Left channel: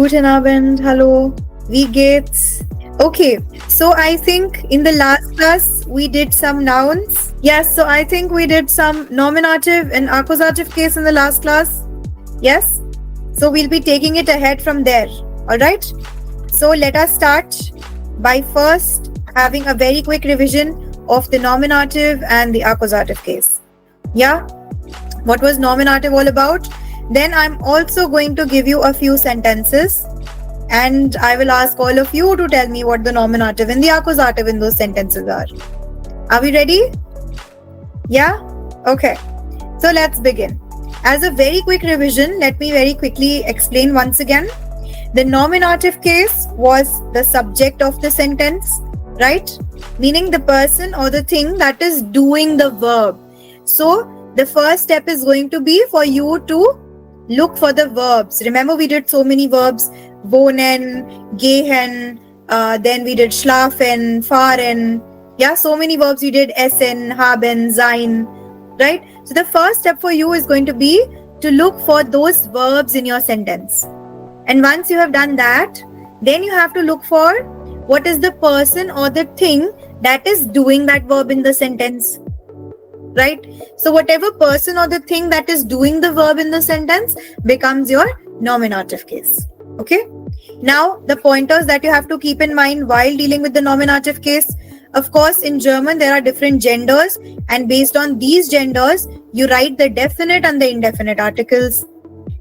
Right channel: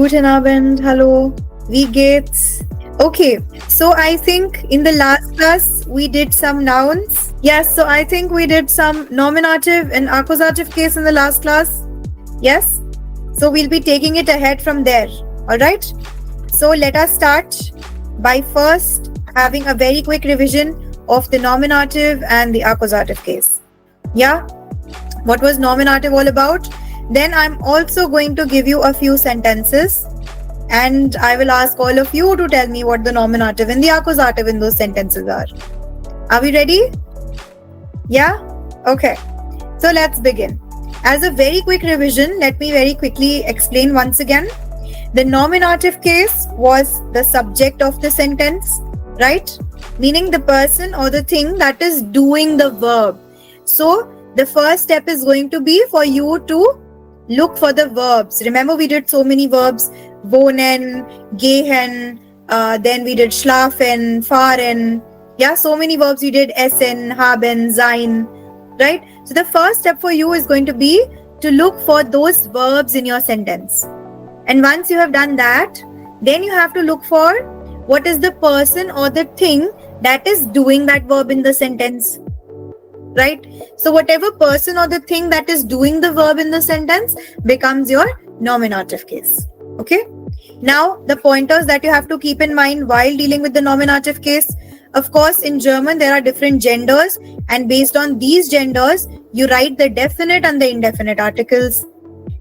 Guten Abend, hallo. Wie geht's? Okay, so I think in the last class we did some nouns. Yes, so I think we did some nominative and accusative case in the last class. Yes? So we'll be taking it ahead from there. Alright? So let us start by first having a very quick revision of the nominative and the accusative case. Yeah? What was nominative all about? Then I'm also going to give you a few sentences and I will ask all of you to tell me what the nominative and the accusative in those sentences are. Are we ready? Yeah? Okay. So let's begin. As a very quick revision, let me very quickly explain once again. The nominative case was the subject of the sentence, right? Meaning the person or the thing that is doing the verb. So the first step is going to be for you to look for the verbs. Remember we did so many verbs. Wohnen, gehen, then we did schlafen, fahren. Yeah, so many verbs we did. Essen, haben, sein. Right? So the first step for you is going to be to look for those verbs in your sentence. And once you have done that, then you have to look for what is the person or the thing that is doing that verb in the sentence. Right? So whatever person or the thing that is doing the verb in the sentence becomes your nominative case. Okay? Now, the pointers that you have to keep in mind while dealing with the nominative case. Of course, in German, there are different genders, and based on these genders, you write the definite and the indefinite articles.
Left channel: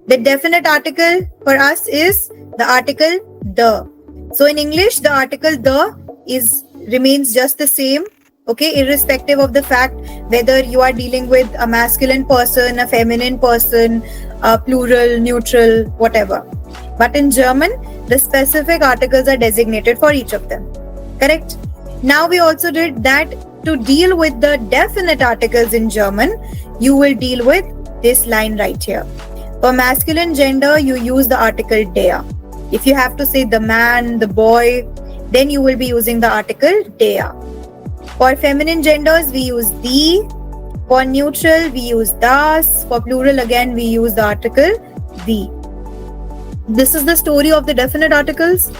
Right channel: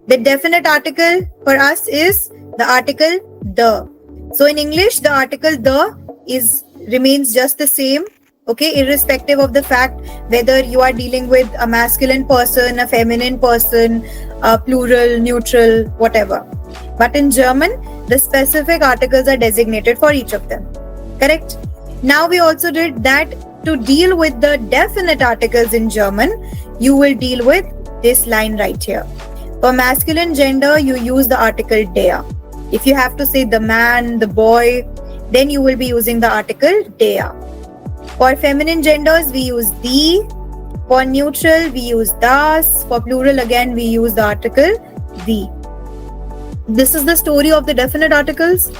The definite article for us is the article the. So in English, the article the remains just the same, okay, irrespective of the fact whether you are dealing with a masculine person, a feminine person, a plural, neutral, whatever. But in German, the specific articles are designated for each of them. Correct? Now we also did that to deal with the definite articles in German, you will deal with this line right here. For masculine gender, you use the article der. If you have to say the man, the boy, then you will be using the article der. For feminine genders, we use die. For neutral, we use das. For plural, again, we use the article die. This is the story of the definite articles.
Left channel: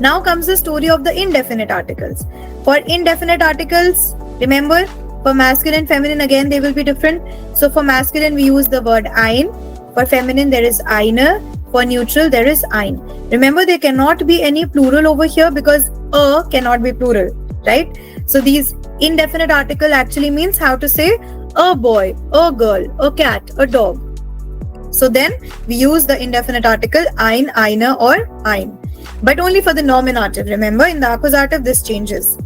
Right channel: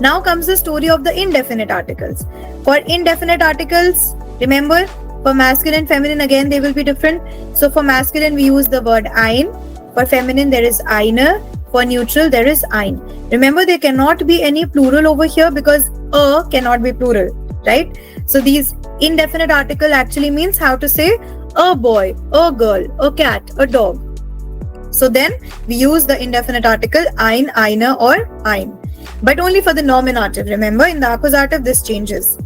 Now comes the story of the indefinite articles. For indefinite articles, remember, for masculine and feminine, again, they will be different. So for masculine, we use the word ein. For feminine, there is eine. For neutral, there is ein. Remember, there cannot be any plural over here because cannot be plural, right? So these indefinite article actually means how to say a boy, a girl, a cat, a dog. So then we use the indefinite article ein, eine or ein. But only for the nominative. Remember, in the accusative, this changes.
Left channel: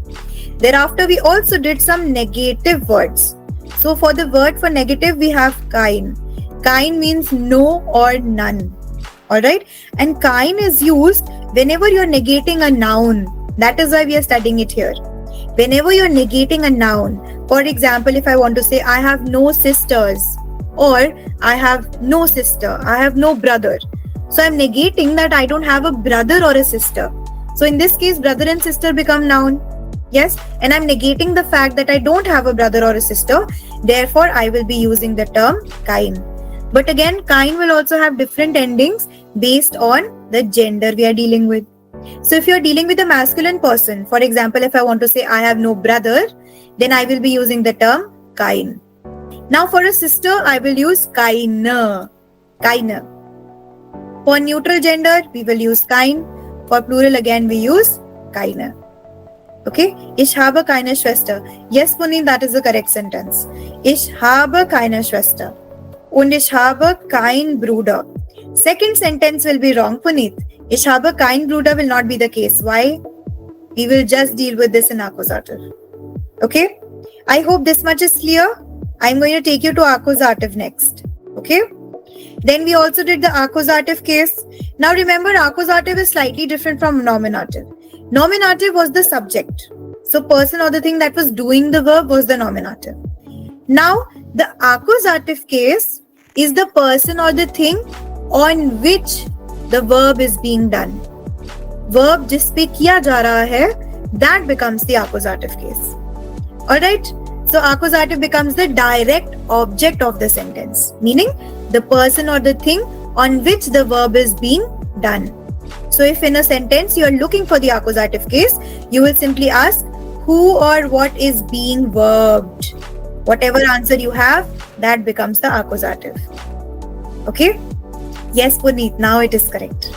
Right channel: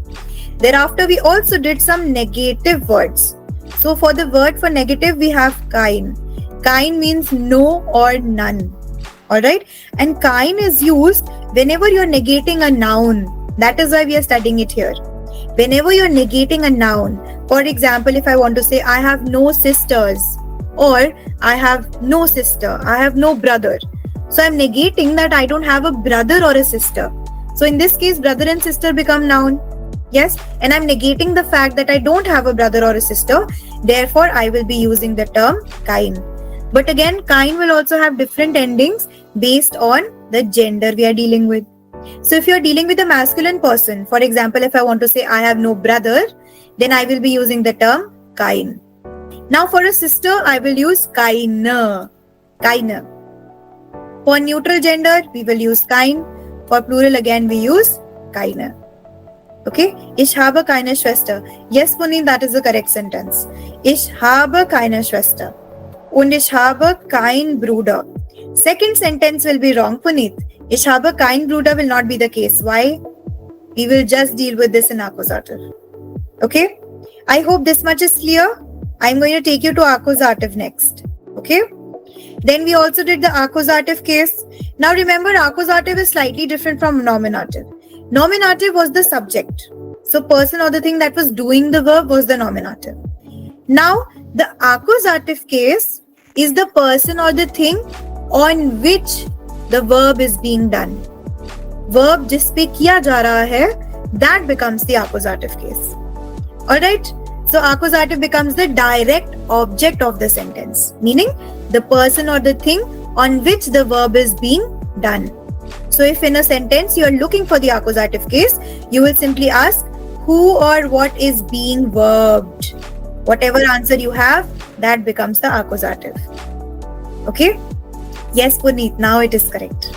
Thereafter, we also did some negative words. So for the word for negative, we have kein. Kein means no or none. Alright? And kein is used whenever you're negating a noun. That is why we are studying it here. Whenever you're negating a noun. For example, if I want to say, I have no sisters. Or, I have no sister. I have no brother. So I'm negating that I don't have a brother or a sister. So in this case, brother and sister become noun. Yes, and I'm negating the fact that I don't have a brother or a sister. Therefore, I will be using the term kein. But again, kein will also have different endings based on the gender we are dealing with. So if you're dealing with a masculine person, for example, if I want to say I have no brother, then I will be using the term kein. Now for a sister, I will use keine. Keine. For neutral gender, we will use kein. For plural, again, we use keine. Okay? Ich habe keine Schwester. Yes, Puneet, that is the correct sentence. Ich habe keine Schwester. Und ich habe kein Bruder. Second sentence will be wrong, Puneet. Ich habe kein Bruder will not be the case. Why? We will just deal with this in accusative. Okay? I hope this much is clear. I'm going to take you to accusative next. Okay? Then we also did the accusative case. Now remember, accusative is slightly different from nominative. Nominative was the subject. So person or the thing that was doing the verb was the nominative. Now the accusative case is the person or the thing on which the verb is being done. Verb जिस पे किया जा रहा है, that becomes the accusative case. Alright? So accusative becomes the direct object of the sentence, meaning the person or the thing on which the verb is being done. So if in a sentence you are looking for the accusative case, you will simply ask who or what is being verbed. Whatever answer you have, that becomes the accusative. Okay? Yes, Puneet, now it is correct.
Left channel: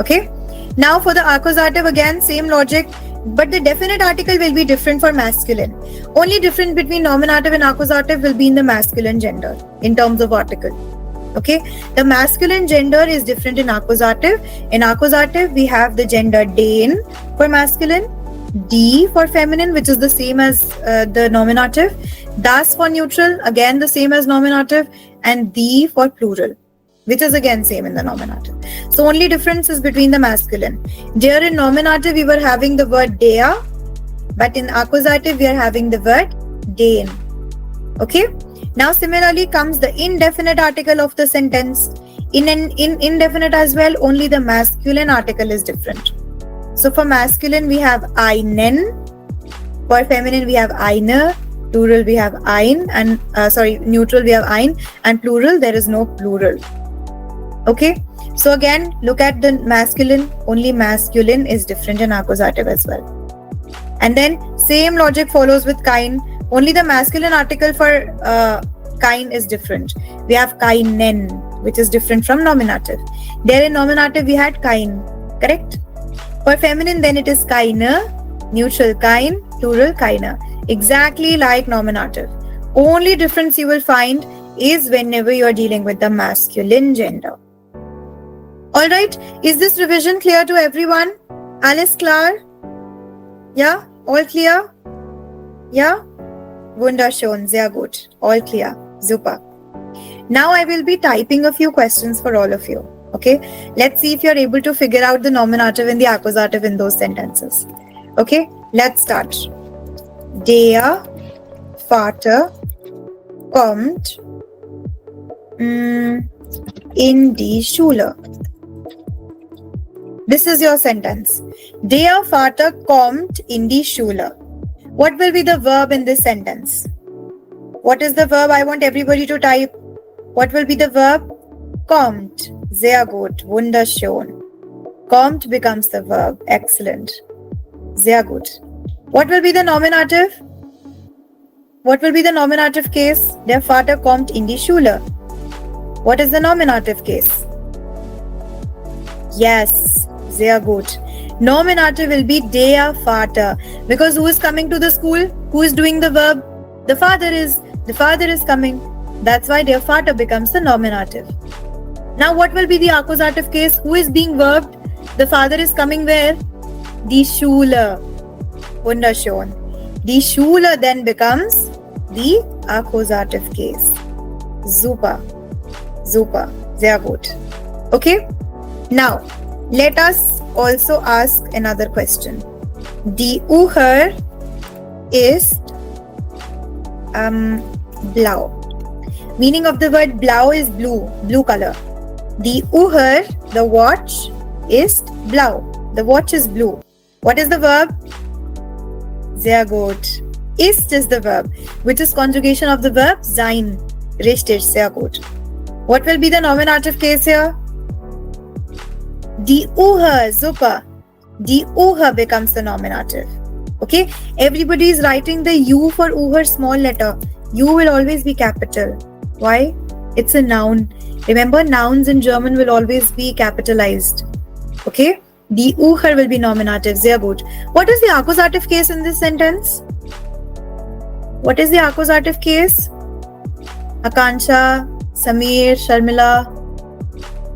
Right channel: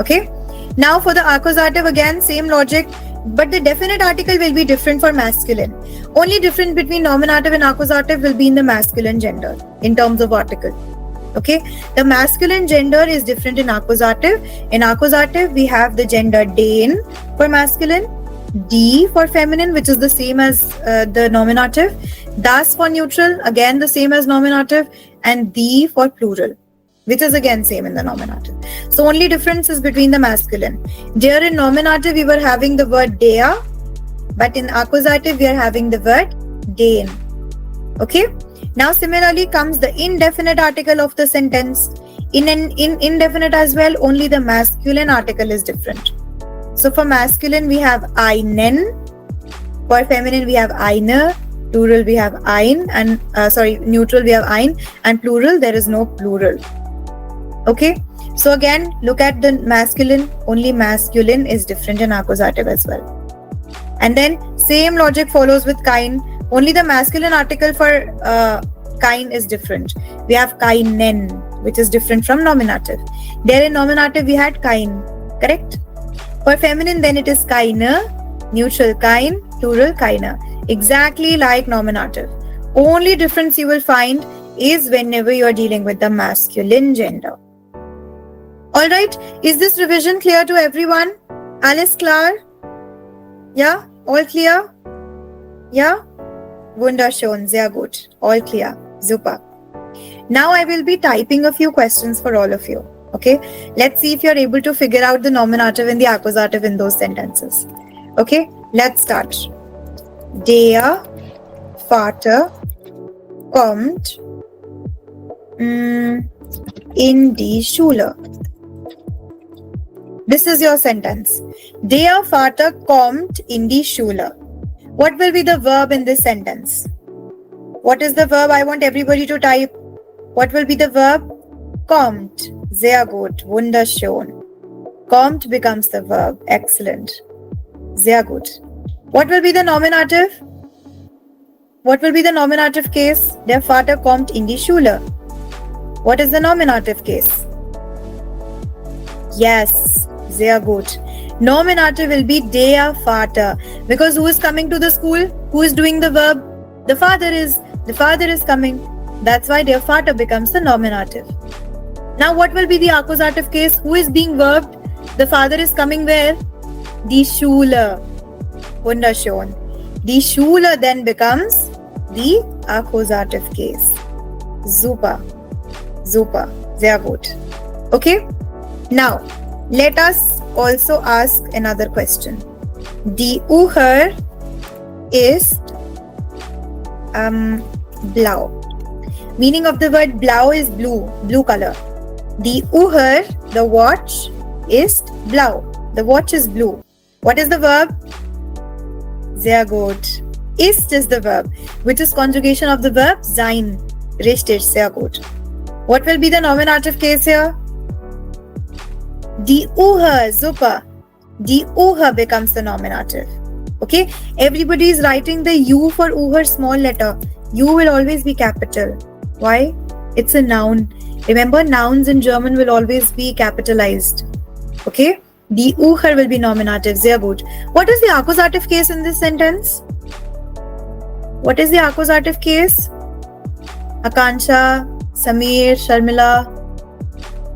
Okay? Now for the accusative, again, same logic, but the definite article will be different for masculine. Only difference between nominative and accusative will be in the masculine gender in terms of article. Okay? The masculine gender is different in accusative. In accusative, we have the gender den for masculine, D for feminine, which is the same as the nominative, das for neutral, again the same as nominative, and D for plural, which is again same in the nominative. So only difference is between the masculine. There in nominative we were having the word dea, but in accusative we are having the word den. Okay? Now similarly comes the indefinite article of the sentence. In indefinite as well, only the masculine article is different. So for masculine we have einen, for feminine we have einer, plural we have ein, and neutral we have ein, and plural there is no plural. Okay, so again look at the masculine, only masculine is different in accusative as well. And then same logic follows with kind, only the masculine article for kind is different. We have keinen, which is different from nominative. There in nominative we had kein, correct? For feminine then it is keine, neutral kein, plural keine. Exactly like nominative. Only difference you will find is whenever you are dealing with the masculine gender. Alright, is this revision clear to everyone? Alles klar? Yeah? All clear? Yeah? Wunderschön, sehr gut. All clear. Super. Now I will be typing a few questions for all of you. Okay? Let's see if you're able to figure out the nominative and the accusative in those sentences. Okay? Let's start. Der Vater kommt in die Schule. This is your sentence. Der Vater kommt in die Schule. What will be the verb in this sentence? What is the verb? I want everybody to type. What will be the verb? Kommt. Sehr gut. Wunderschön. Kommt becomes the verb. Excellent. Sehr gut. What will be the nominative? What will be the nominative case? Der Vater kommt in die Schule. What is the nominative case? Yes. Sehr gut. Nominative will be der Vater. Because who is coming to the school? Who is doing the verb? The father is. The father is coming. That's why der Vater becomes the nominative. Now what will be the accusative case? Who is being verbed? The father is coming where? Die Schule. Wunderschön. Die Schule then becomes the accusative case. Super. Super. Sehr gut. Okay? Now, let us also ask another question. Die Uhr ist blau. Meaning of the word blau is blue. Blue color. Die Uhr, the watch, ist blau. The watch is blue. What is the verb? Sehr gut. Ist is the verb, which is conjugation of the verb sein. Richtig, sehr gut. What will be the nominative case here? Die Uhr, super. Die Uhr becomes the nominative. Okay? Everybody is writing the U for Uhr small letter. U will always be capital. Why? It's a noun. Remember, nouns in German will always be capitalized. Okay? Die Uhr will be nominative. Sehr gut. What is the accusative case in this sentence? What is the accusative case? Akansha, Samir, Sharmila.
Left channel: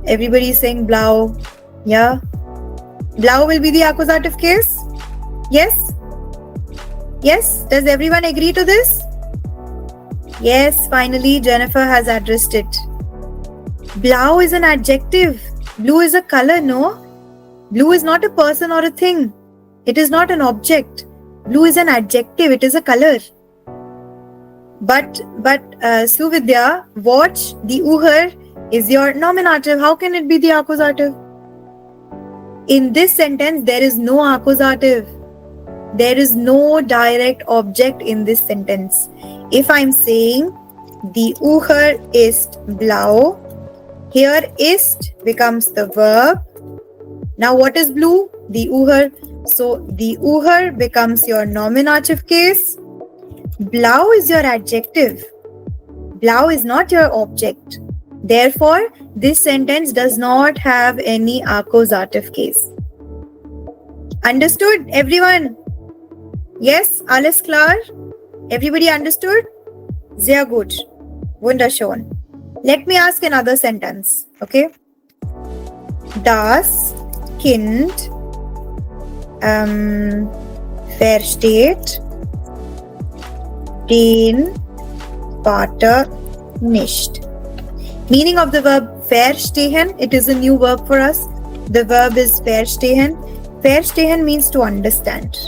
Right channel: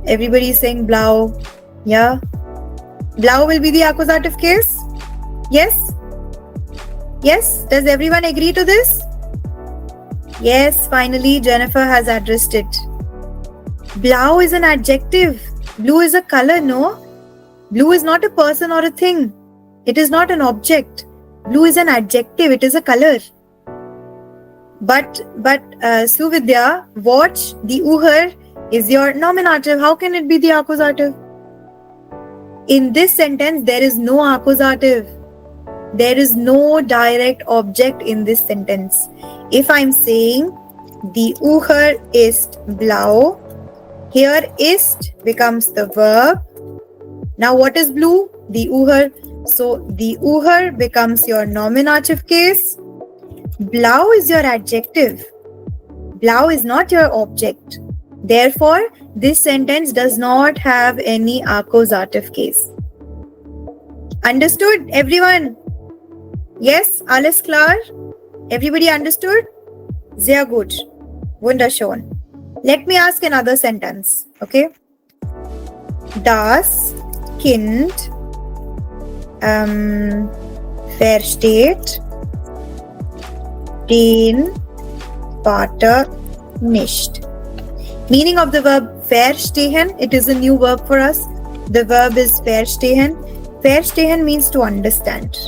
Everybody is saying blau. Yeah? Blau will be the accusative case? Yes? Yes? Does everyone agree to this? Yes, finally Jennifer has addressed it. Blau is an adjective. Blue is a color, no? Blue is not a person or a thing. It is not an object. Blue is an adjective. It is a color. But Suvidya, watch, the Uhr is your nominative. How can it be the accusative? In this sentence, there is no accusative. There is no direct object in this sentence. If I'm saying die Uhr ist blau, here ist becomes the verb, Now what is blue? The Uhar. So the Uhar becomes your nominative case. Blau is your adjective. Blau is not your object. Therefore, this sentence does not have any accusative case. Understood, everyone? Yes, alles klar? Everybody understood? Sehr gut. Wunderschön. Let me ask another sentence, okay? Das Kind versteht den Vater nicht. Meaning of the verb verstehen, it is a new verb for us. The verb is verstehen. Verstehen means to understand.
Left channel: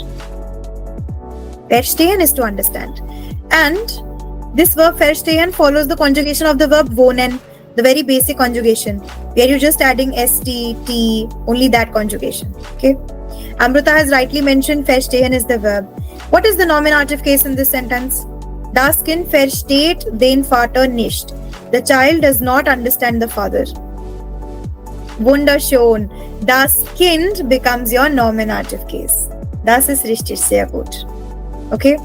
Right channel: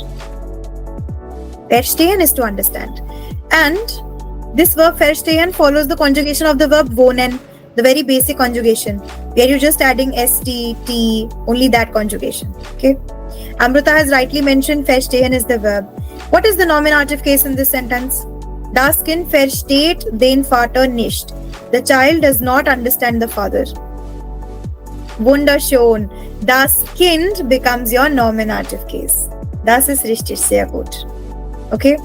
Verstehen is to understand. And this verb verstehen follows the conjugation of the verb wohnen, the very basic conjugation, where you're just adding st, t, only that conjugation. Okay. Amrita has rightly mentioned verstehen is the verb. What is the nominative case in this sentence? Das Kind versteht den Vater nicht. The child does not understand the father. Wunderschön. Das Kind becomes your nominative case. Das ist richtig, sehr gut. Okay.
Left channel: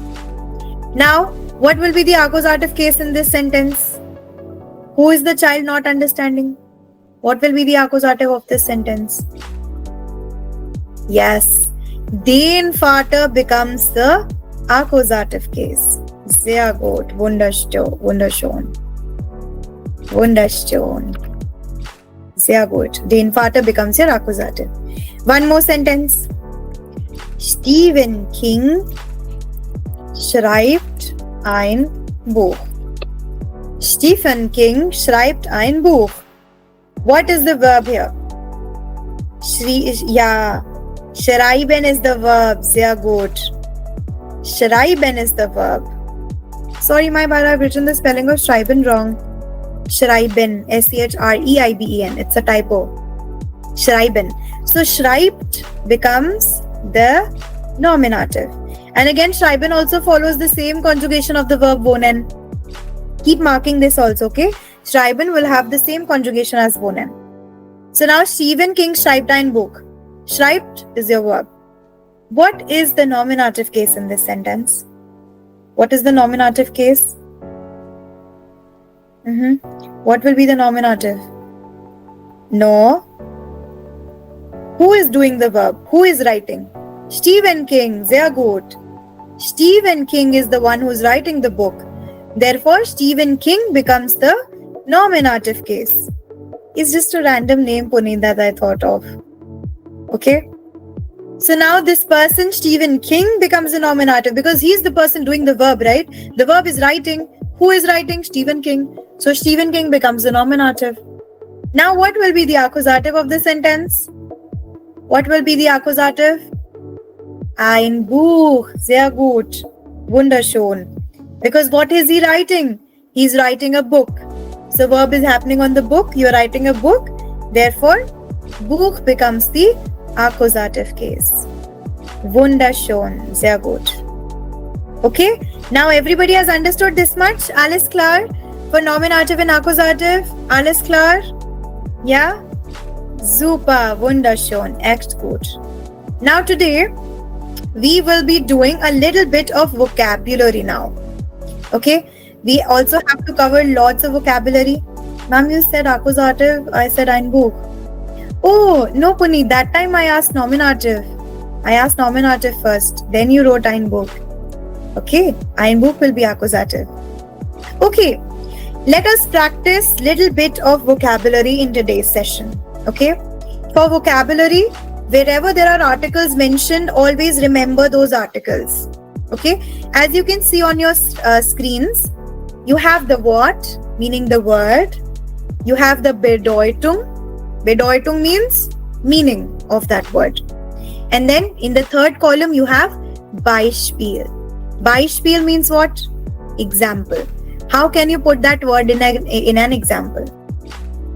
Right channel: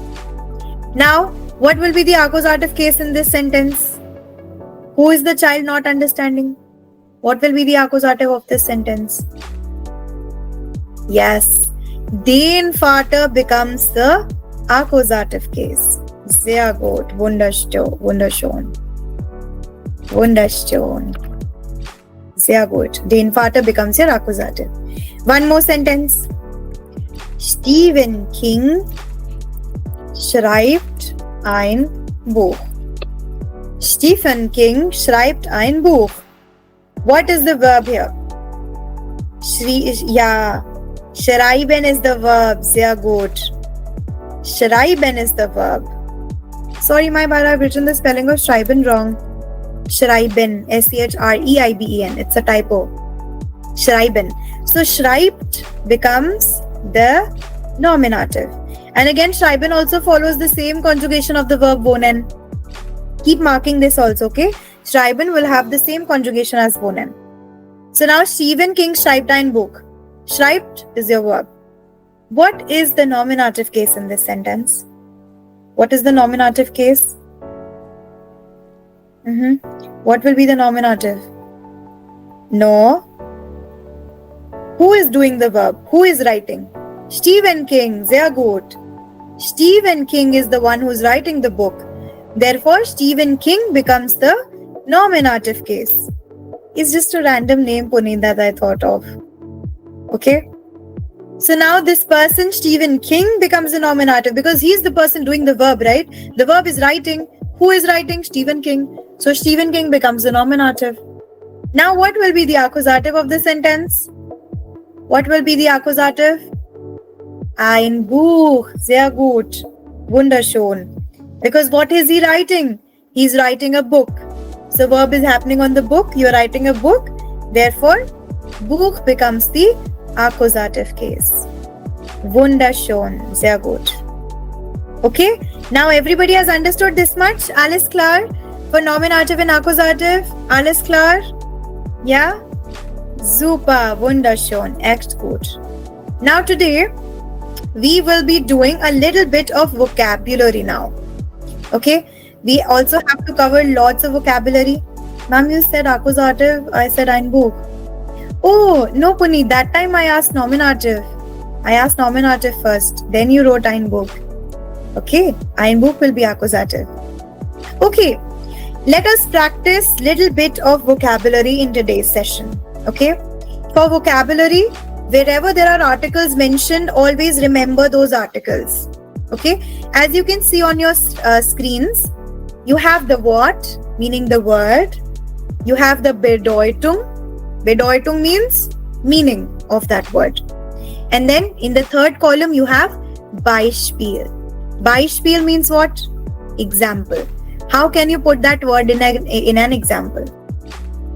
Now, what will be the accusative case in this sentence? Who is the child not understanding? What will be the accusative of this sentence? Yes. Den Vater becomes the accusative case. Sehr gut. Wunderschön. Wunderschön. Sehr gut. Den Vater becomes your accusative. One more sentence. Stephen King schreibt ein Buch. Stephen King schreibt ein Buch. What is the verb here? Schreiben is the verb. Sehr gut. Schreiben is the verb. Sorry, my bad, I've written the spelling of schreiben wrong. Schreiben, schreiben. It's a typo. Schreiben. So schreibt becomes the nominative. And again, schreiben also follows the same conjugation of the verb wohnen. Keep marking this also, okay? Schreiben will have the same conjugation as wohnen. So now Stephen King schreibt ein Buch. Schreibt is your verb. What is the nominative case in this sentence? What is the nominative case? What will be the nominative? No. Who is doing the verb? Who is writing? Stephen King. Sehr gut. Stephen King is the one who is writing the book. Therefore, Stephen King becomes the nominative case. It's just a random name, Puneet, that I thought of. Okay? So now this person, Stephen King, becomes the nominative because he's the person doing the verb, right? The verb is writing. Who is writing? Stephen King. So Stephen King becomes the nominative. Now what will be the accusative of the sentence? What will be the accusative? Ein Buch. Sehr gut. Wunderschön. Because what is he writing? He's writing a book. So verb is happening on the book. You're writing a book. Therefore, Buch becomes the accusative case. Wunderschön. Sehr gut. Okay. Now everybody has understood this much. Alles klar? For nominative and accusative. Alles klar? Yeah? Super. Wunderschön. Echt gut. Now today, we will be doing a little bit of vocabulary now. Okay? We also have to cover lots of vocabulary. Ma'am, you said accusative. I said ein Buch. Oh, no, Puneet. That time I asked nominative. I asked nominative first. Then you wrote ein Buch. Okay, ein Buch will be accusative. Okay, let us practice little bit of vocabulary in today's session. Okay, for vocabulary, wherever there are articles mentioned, always remember those articles. Okay, as you can see on your screens, you have the Wort, meaning the word. You have the Bedeutung. Bedeutung means meaning of that word. And then in the third column, you have Beispiel. Beispiel means what? Example. How can you put that word in an example?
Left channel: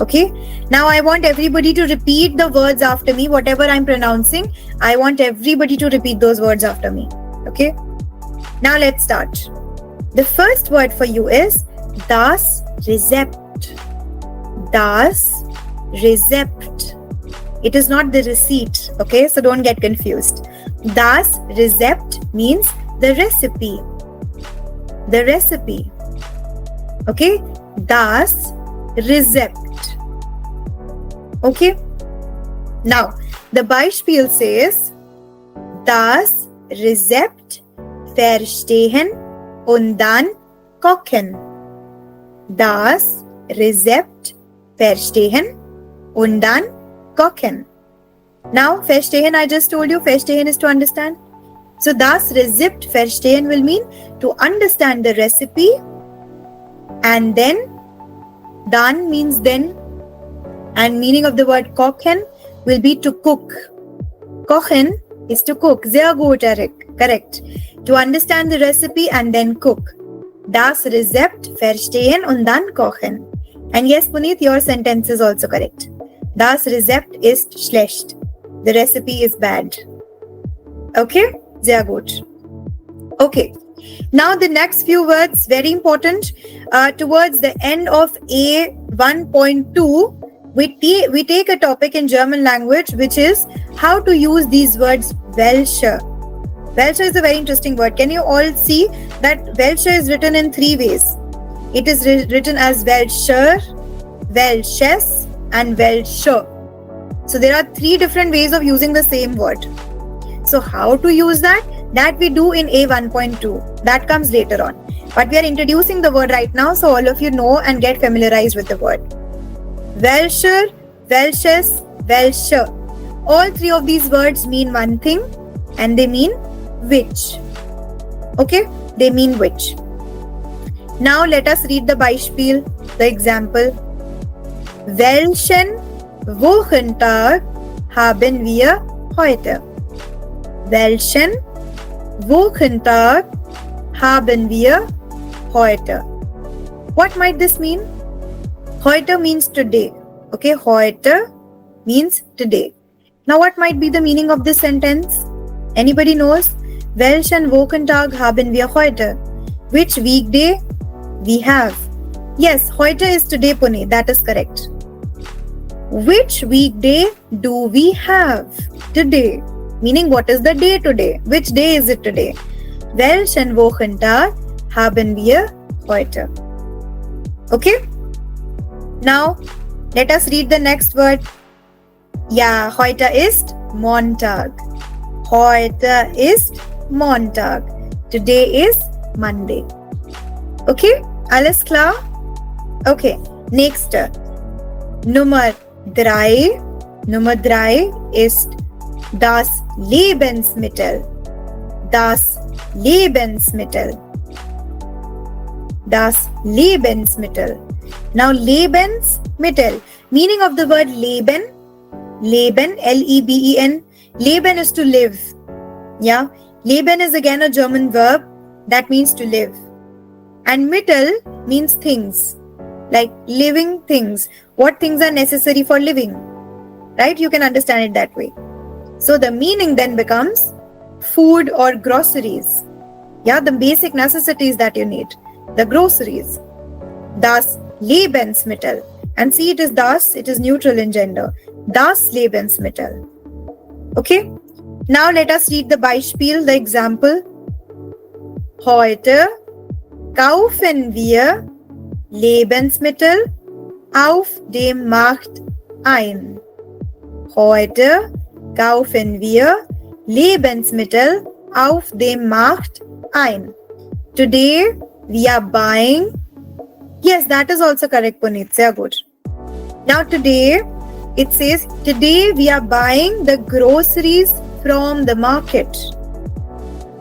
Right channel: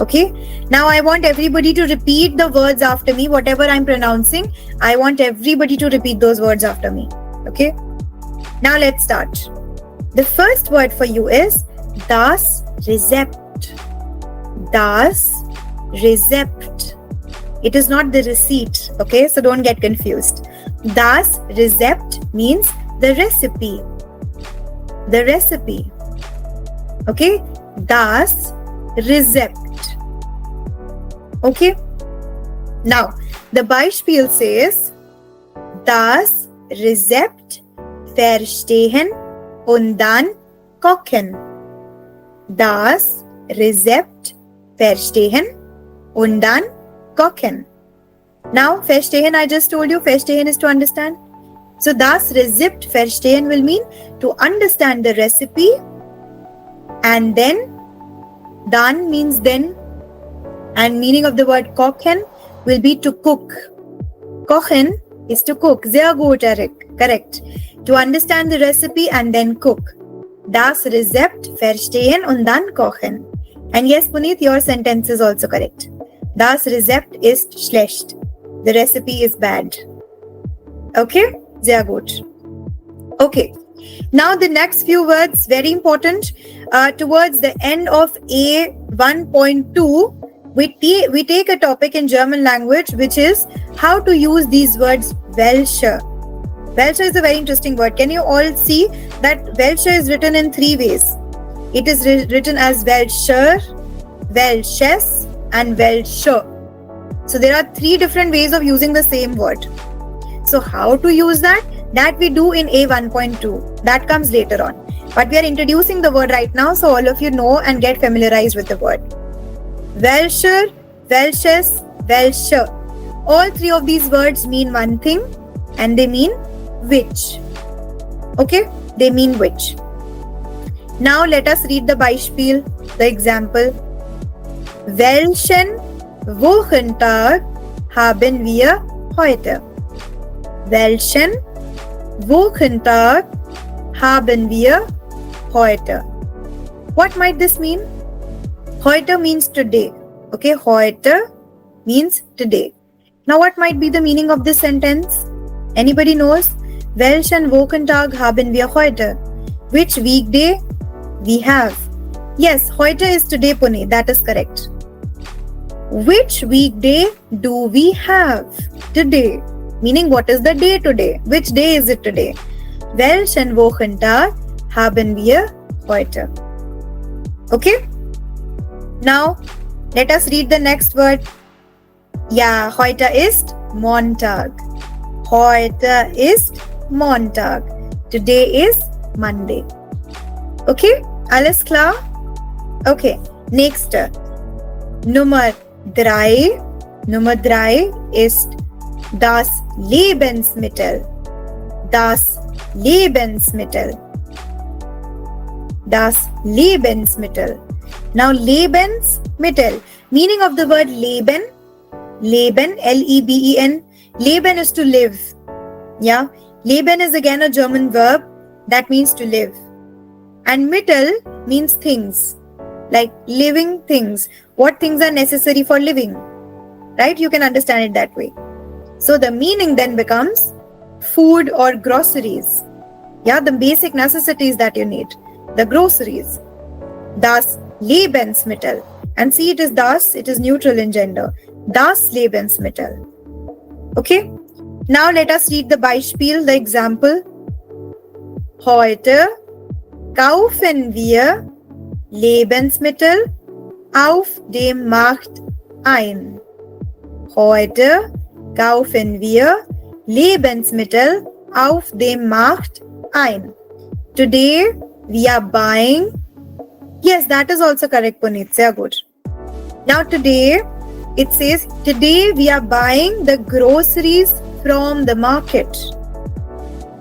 Okay. Now I want everybody to repeat the words after me. Whatever I'm pronouncing, I want everybody to repeat those words after me. Okay. Now let's start. The first word for you is das Rezept. Das Rezept. It is not the receipt. Okay, so don't get confused. Das Rezept means the recipe. The recipe. Okay, das Rezept. Okay. Now, the Beispiel says, das Rezept verstehen und dann kochen. Das Rezept verstehen und dann kochen. Now, verstehen, I just told you, verstehen is to understand. So, das Rezept verstehen will mean to understand the recipe, and dann means then, and meaning of the word kochen will be to cook. Kochen is to cook. Sehr gut, Eric. Correct. To understand the recipe and then cook. Das Rezept verstehen und dann kochen. And yes, Puneet, your sentence is also correct. Das Rezept ist schlecht. The recipe is bad. Okay? Sehr gut. Okay. Now the next few words, very important. Towards the end of A1.2, we take a topic in German language, which is how to use these words welche. Welche is a very interesting word. Can you all see that welche is written in three ways? It is written as welcher, welches, and welche. So there are three different ways of using the same word. So how to use that? That we do in A1.2. That comes later on. But we are introducing the word right now, so all of you know and get familiarized with the word. Welcher, welches, welche. All three of these words mean one thing, and they mean which. Okay? They mean which. Now let us read the Beispiel, the example. Welchen Wochentag haben wir heute? Welchen Wochentag haben wir heute? What might this mean? Heute means today. Okay, heute means today. Now what might be the meaning of this sentence? Anybody knows? Welchen Wochentag haben wir heute? Which weekday we have? Yes, heute is today, Pune. That is correct. Which weekday do we have? Today. Meaning, what is the day today? Which day is it today? Welchen Wochentag haben wir heute? Okay? Now, let us read the next word. Ja, heute ist Montag. Heute ist Montag. Today is Monday. Okay? Alles klar? Okay. Nächste. Nummer 3. Nummer 3 ist das Lebensmittel. Das Lebensmittel. Das Lebensmittel. Now, Lebensmittel. Meaning of the word Leben. Leben, L-E-B-E-N. Leben is to live. Yeah. Leben is again a German verb that means to live. And Mittel means things. Like living things. What things are necessary for living? Right? You can understand it that way. So the meaning then becomes food or groceries. Yeah, the basic necessities that you need. The groceries. Das Lebensmittel. And see, it is das, it is neutral in gender. Das Lebensmittel. Okay? Now let us read the Beispiel, the example. Heute kaufen wir Lebensmittel auf dem Markt ein. Heute kaufen wir Lebensmittel auf dem Markt ein. Today we are buying. Yes, that is also correct, Puneet. Sehr good. Now today, it says, today we are buying the groceries from the market.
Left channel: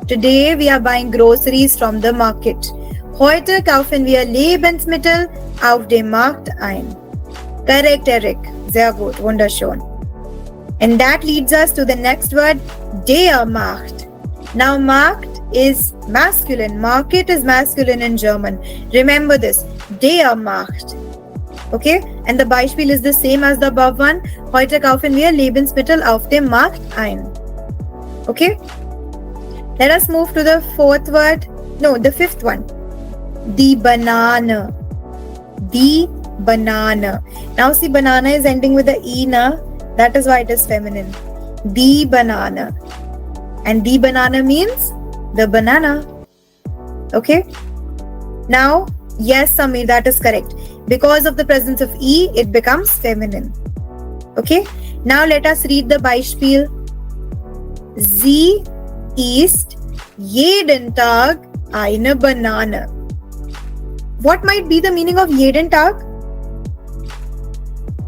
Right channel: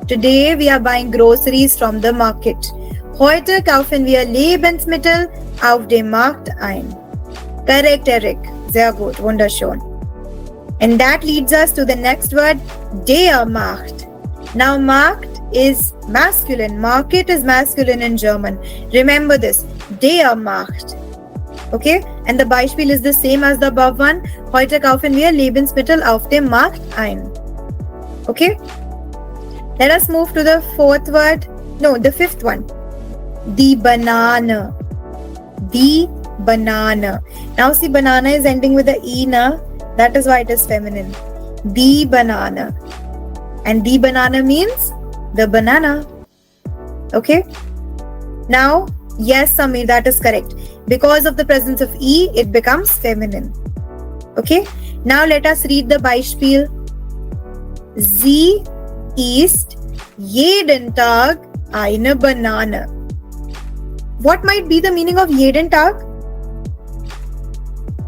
Today we are buying groceries from the market. Heute kaufen wir Lebensmittel auf dem Markt ein. Correct, Eric. Sehr gut. Wunderschön. And that leads us to the next word, der Markt. Now, Markt is masculine. Market is masculine in German. Remember this. Der Markt. Okay? And the Beispiel is the same as the above one. Heute kaufen wir Lebensmittel auf dem Markt ein. Okay? Let us move to the fourth word. No, the fifth one. The banana. The banana. Now see, banana is ending with the E na. That is why it is feminine. The banana. And the banana means the banana. Okay? Now, yes, Samir, that is correct. Because of the presence of E, it becomes feminine. Okay? Now let us read the Beispiel. Sie isst jeden Tag eine Banane. What might be the meaning of jeden Tag?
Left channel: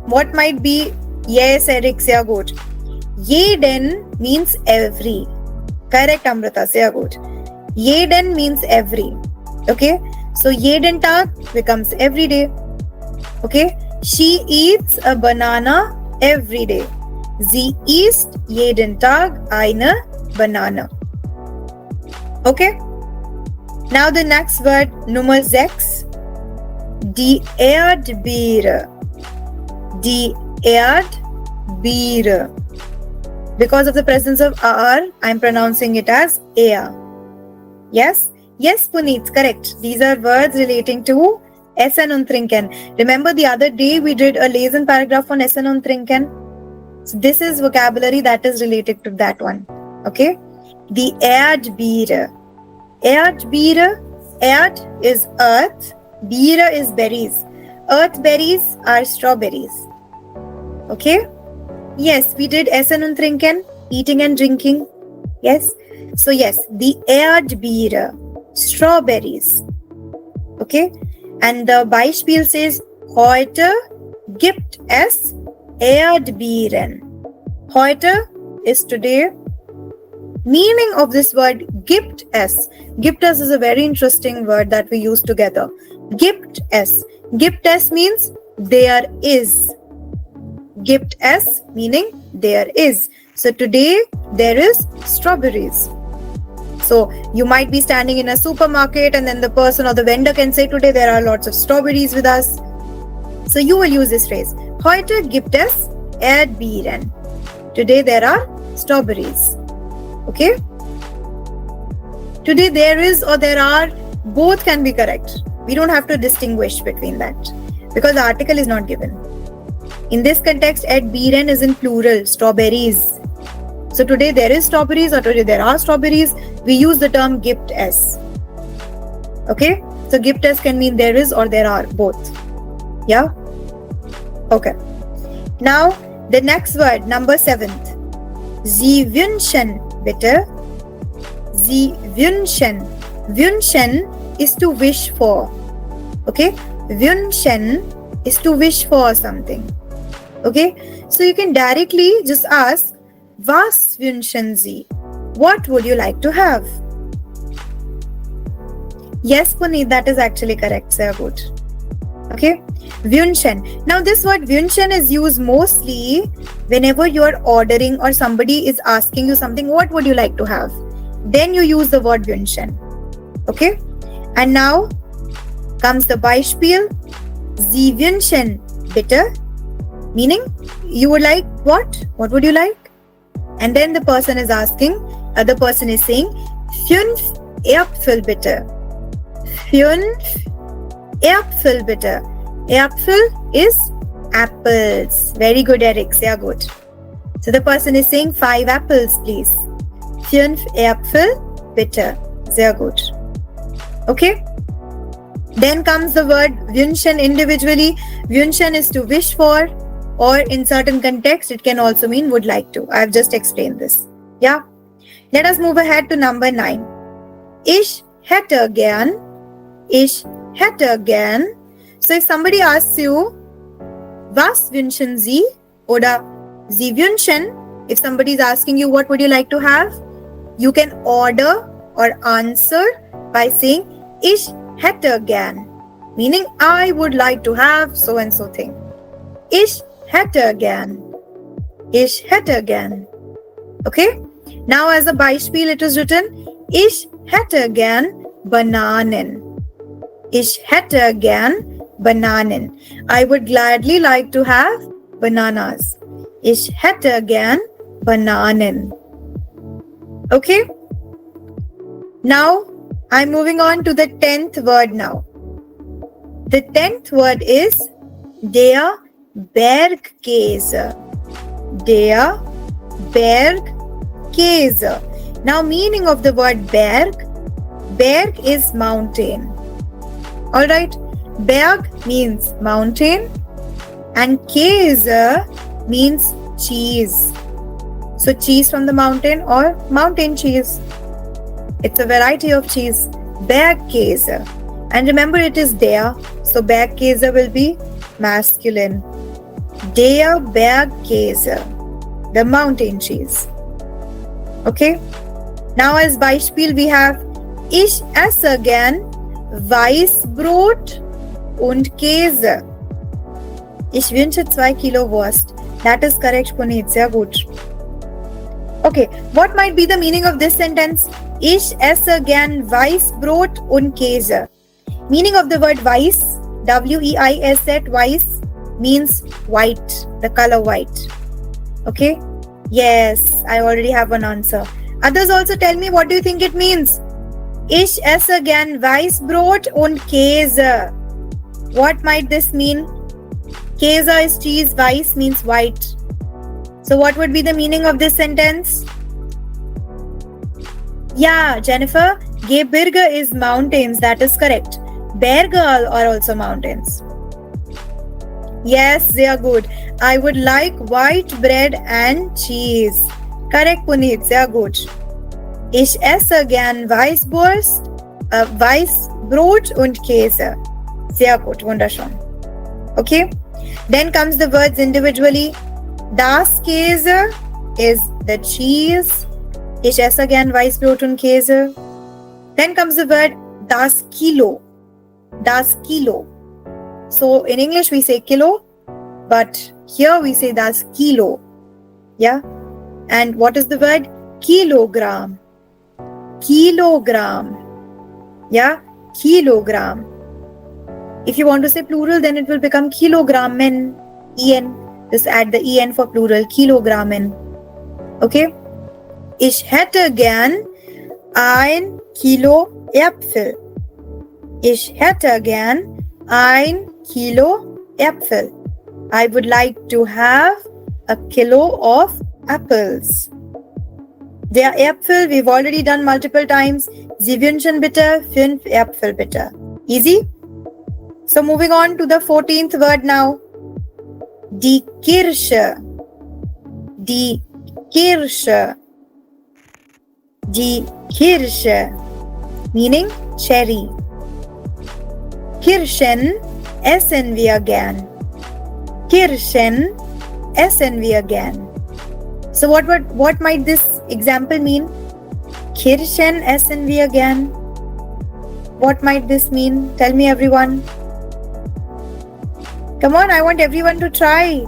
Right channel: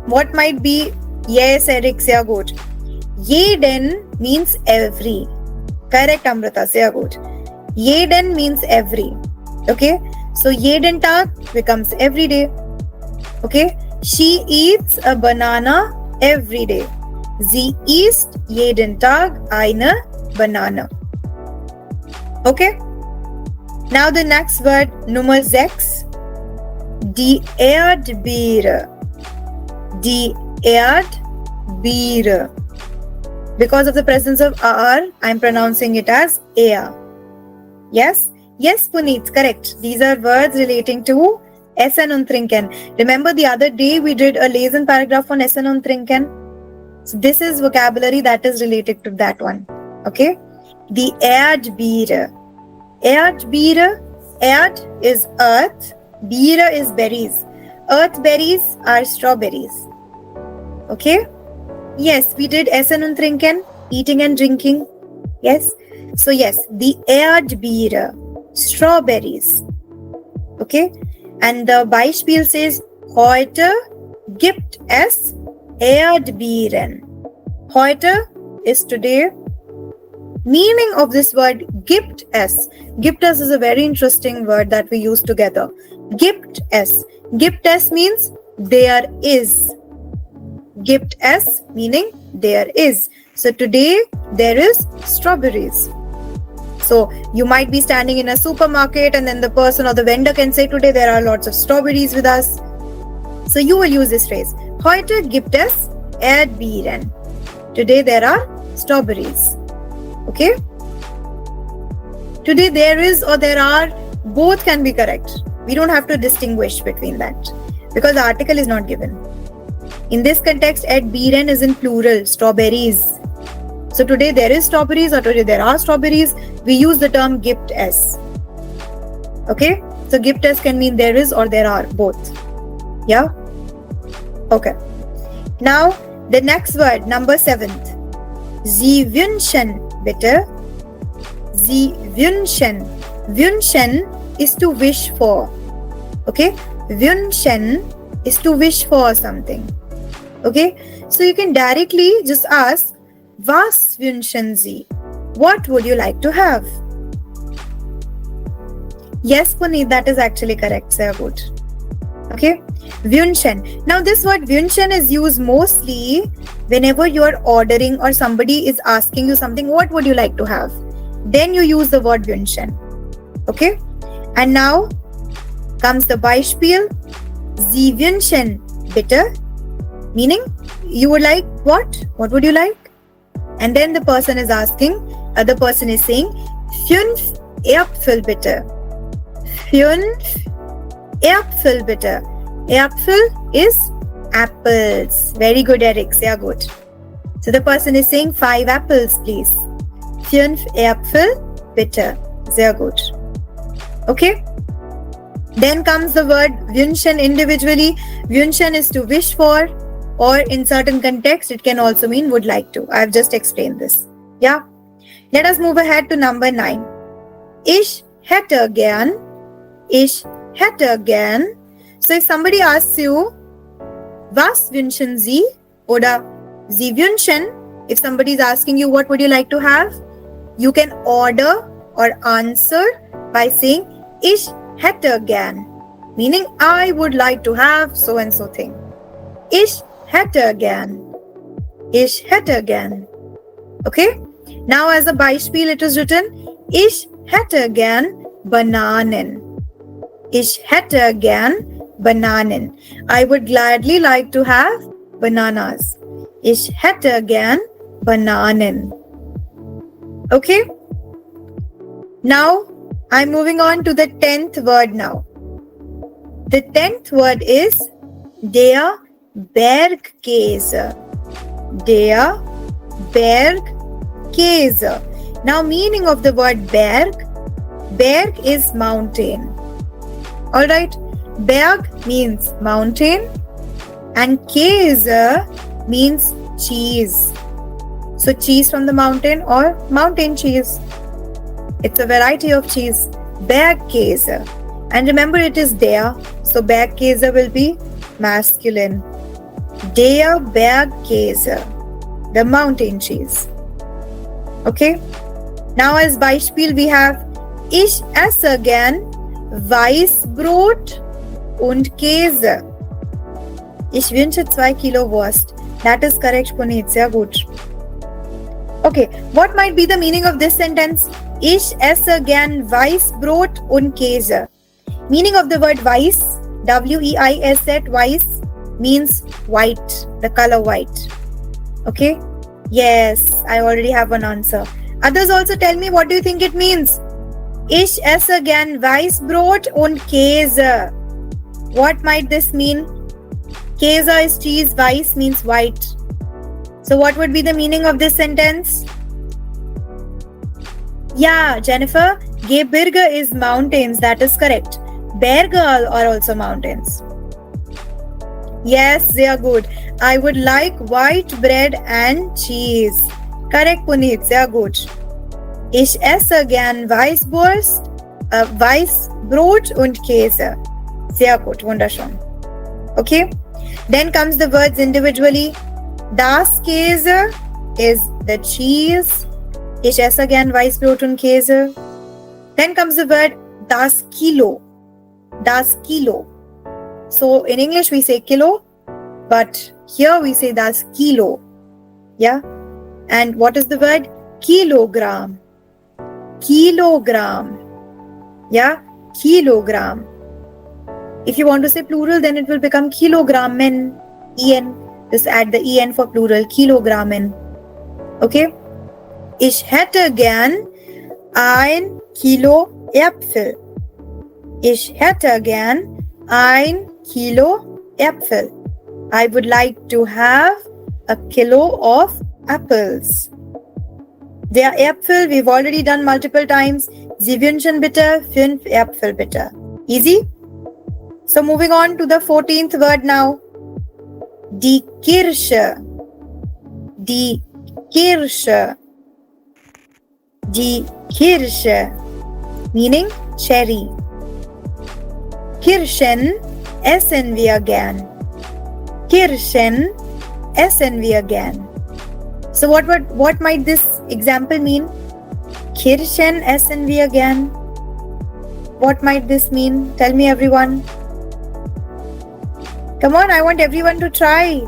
What might be? Yes, Eric, sehr gut. Jeden means every. Correct, Amrita, sehr gut. Jeden means every. Okay? So, jeden Tag becomes every day. Okay? She eats a banana every day. Sie isst jeden Tag eine Banane. Okay? Now the next word, Nummer 6. Die Erdbeere. Die Erdbeere. Because of the presence of R, I am pronouncing it as air. Yes? Yes, Puneet, correct. These are words relating to Essen und Trinken. Remember the other day we did a lesson paragraph on Essen und Trinken? So this is vocabulary that is related to that one. Okay? Die Erdbeere. Erdbeere. Erd is earth. Beere is berries. Earth berries are strawberries. Okay? Yes, we did Essen und Trinken, eating and drinking. Yes? So yes, die Erdbeere, strawberries. Okay? And the Beispiel says, heute gibt es Erdbeeren. Heute is today. Meaning of this word, gibt es. Gibt es is a very interesting word that we use together. Gibt es. Gibt es means there is. Gibt es meaning there is. So today there is strawberries. So you might be standing in a supermarket and then the person or the vendor can say, today there are lots of strawberries with us. So you will use this phrase. Heute gibt es Erdbeeren. Today there are strawberries. Okay? Today there is or there are, both can be correct. We don't have to distinguish between that because the article is not given. In this context, Erdbeeren is in plural, strawberries. So today there is strawberries or today there are strawberries. We use the term gibt es. Okay? So gibt es can mean there is or there are, both. Yeah? Okay. Now, the next word, number 7th. Sie wünschen, bitte. Sie wünschen. Wünschen is to wish for. Okay? Wünschen is to wish for something. Okay? So you can directly just ask, was wünschen Sie? What would you like to have? Yes, Puneet, that is actually correct. Sehr gut. Okay? Wünschen. Now this word wünschen is used mostly whenever you are ordering or somebody is asking you something, what would you like to have? Then you use the word wünschen. Okay? And now comes the Beispiel. Sie wünschen, bitte. Meaning, you would like what? What would you like? And then the person is asking, other person is saying, 5 Äpfel bitte. 5 Äpfel bitte. Äpfel is apples. Very good, Eric. Sehr gut. So the person is saying 5 apples, please. 5 Äpfel bitte. Sehr gut. Okay? Then comes the word wünschen individually. Wünschen is to wish for, or in certain context, it can also mean would like to. I have just explained this. Yeah? Let us move ahead to number 9. Ich hätte gern. Ich hätte gern. So if somebody asks you, was wünschen Sie? Oder Sie wünschen. If somebody is asking you, what would you like to have? You can order or answer by saying, Ich hätte gern. Meaning, I would like to have so and so thing. Ich hätte gern. Ich hätte gern. Okay? Now as a Beispiel it is written, Ich hätte gern Bananen. Ich hätte gern Bananen. I would gladly like to have bananas. Ich hätte gern Bananen. Okay? Now, I'm moving on to the 10th word now. The 10th word is der Bergkäse. der Berg Käse. Now, meaning of the word Berg. Berg is mountain. Alright, Berg means mountain and Käse means cheese. So cheese from the mountain or mountain cheese. It's a variety of cheese. Bergkäse. And remember it is der. So Bergkäse will be masculine. Der Bergkäse. The mountain cheese. Okay. Now as Beispiel we have Ich esse gern Weißbrot und Käse. Ich wünsche 2 Kilo Wurst. That is correct, Puneet. Sehr gut. Okay, what might be the meaning of this sentence? Ich esse gern Weißbrot und Käse. Meaning of the word weiß, W-E-I-S-E, weiß, means white, the color white. Okay? Yes, I already have an answer. Others also tell me what do you think it means? Ich esse gern Weißbrot und Käse. What might this mean? Käse is cheese, weiß means white. So what would be the meaning of this sentence? Yeah, Jennifer, Gebirge is mountains. That is correct. Berge are also mountains. Yes, they are good. I would like white bread and cheese. Correct, Puneet. Sehr gut. Ich esse gern Weißbrot und Käse. Sehr gut, wunderschön. Okay. Then comes the words individually. Das Käse is the cheese. Ich esse gern Weißbrot und Käse. Then comes the word das Kilo. Das Kilo. So in English we say kilo, but here we say das Kilo. Yeah. And what is the word? Kilogram. Kilogram. Yeah. Kilogram. If you want to say plural, then it will become kilogrammen. En. Just add the en for plural. Kilogrammen. Okay. Ich hätte gern 1 Kilo Äpfel. Ich hätte gern 1 Kilo Äpfel. I would like to have a kilo of apples. Der Äpfel, we've already done multiple times. Sie wünschen bitte 5 Äpfel bitte. Easy? So moving on to the 14th word now. Die Kirsche. Die Kirsche. Die Kirsche. Meaning cherry. Kirschen essen wir gern. Kirschen essen wir gern. So what might this example mean? Kirschen essen wir gern. What might this mean? Tell me everyone. Come on, I want everyone to try.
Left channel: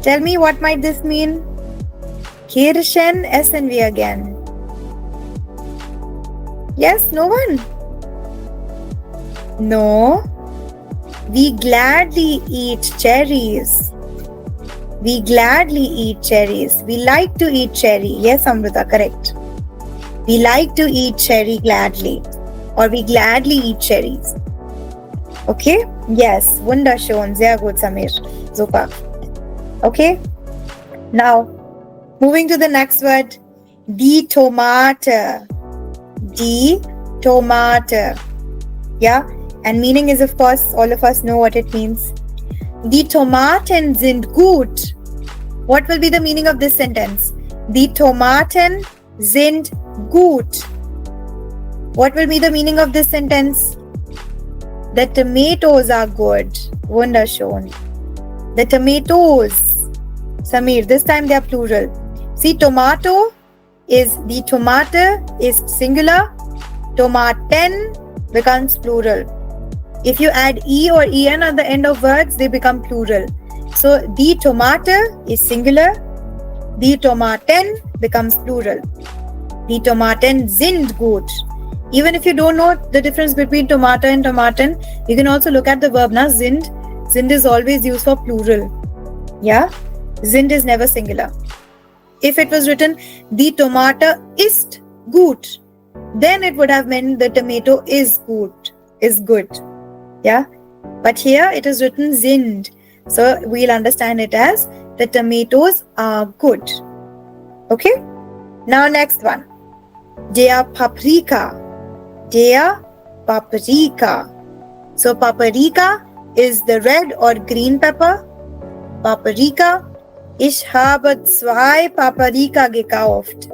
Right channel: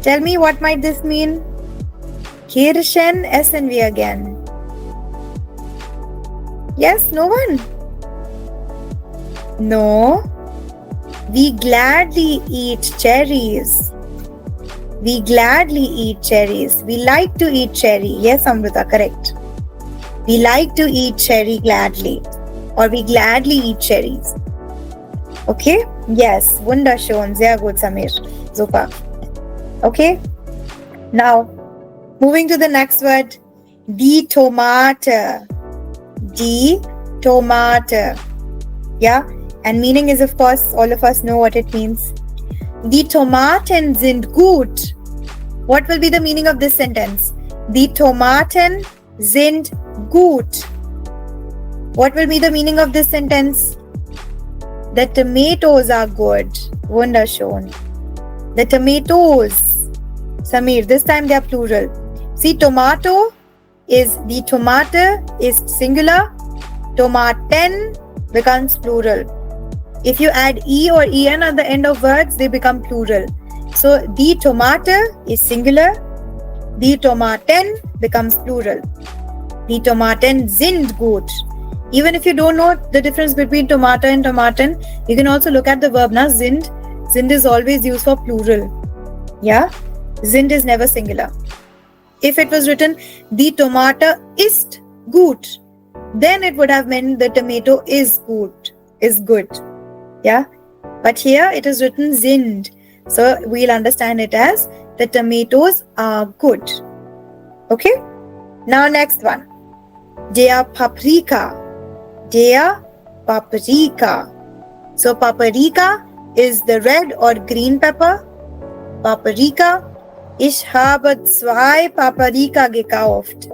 Tell me what might this mean? Kirschen essen wir gern. Yes, no one? No. We gladly eat cherries. We gladly eat cherries. We like to eat cherry. Yes, Amrita, correct. We like to eat cherry gladly. Or we gladly eat cherries. Okay? Yes. Wunderschön. Sehr gut, Samir. Super. Okay? Now, moving to the next word. Die Tomate. Die Tomate. Yeah? And meaning is, of course, all of us know what it means. Die Tomaten sind gut. What will be the meaning of this sentence? Die Tomaten sind gut. What will be the meaning of this sentence? The tomatoes are good. Wunderschön. The tomatoes. Samir, this time they are plural. See, tomato is, the tomate is singular. Tomaten becomes plural. If you add e or en at the end of words, they become plural. So, die Tomate is singular. Die Tomaten becomes plural. Die Tomaten sind gut. Even if you don't know the difference between tomato and tomaten, you can also look at the verb na sind. Sind is always used for plural. Yeah? Sind is never singular. If it was written, die Tomate ist gut, then it would have meant the tomato is good. Is good. Yeah? But here it is written sind. So we'll understand it as the tomatoes are good. Okay? Now next one. Der Paprika. Der Paprika. So Paprika is the red or green pepper. Paprika. Ich habe 2 Paprika gekauft.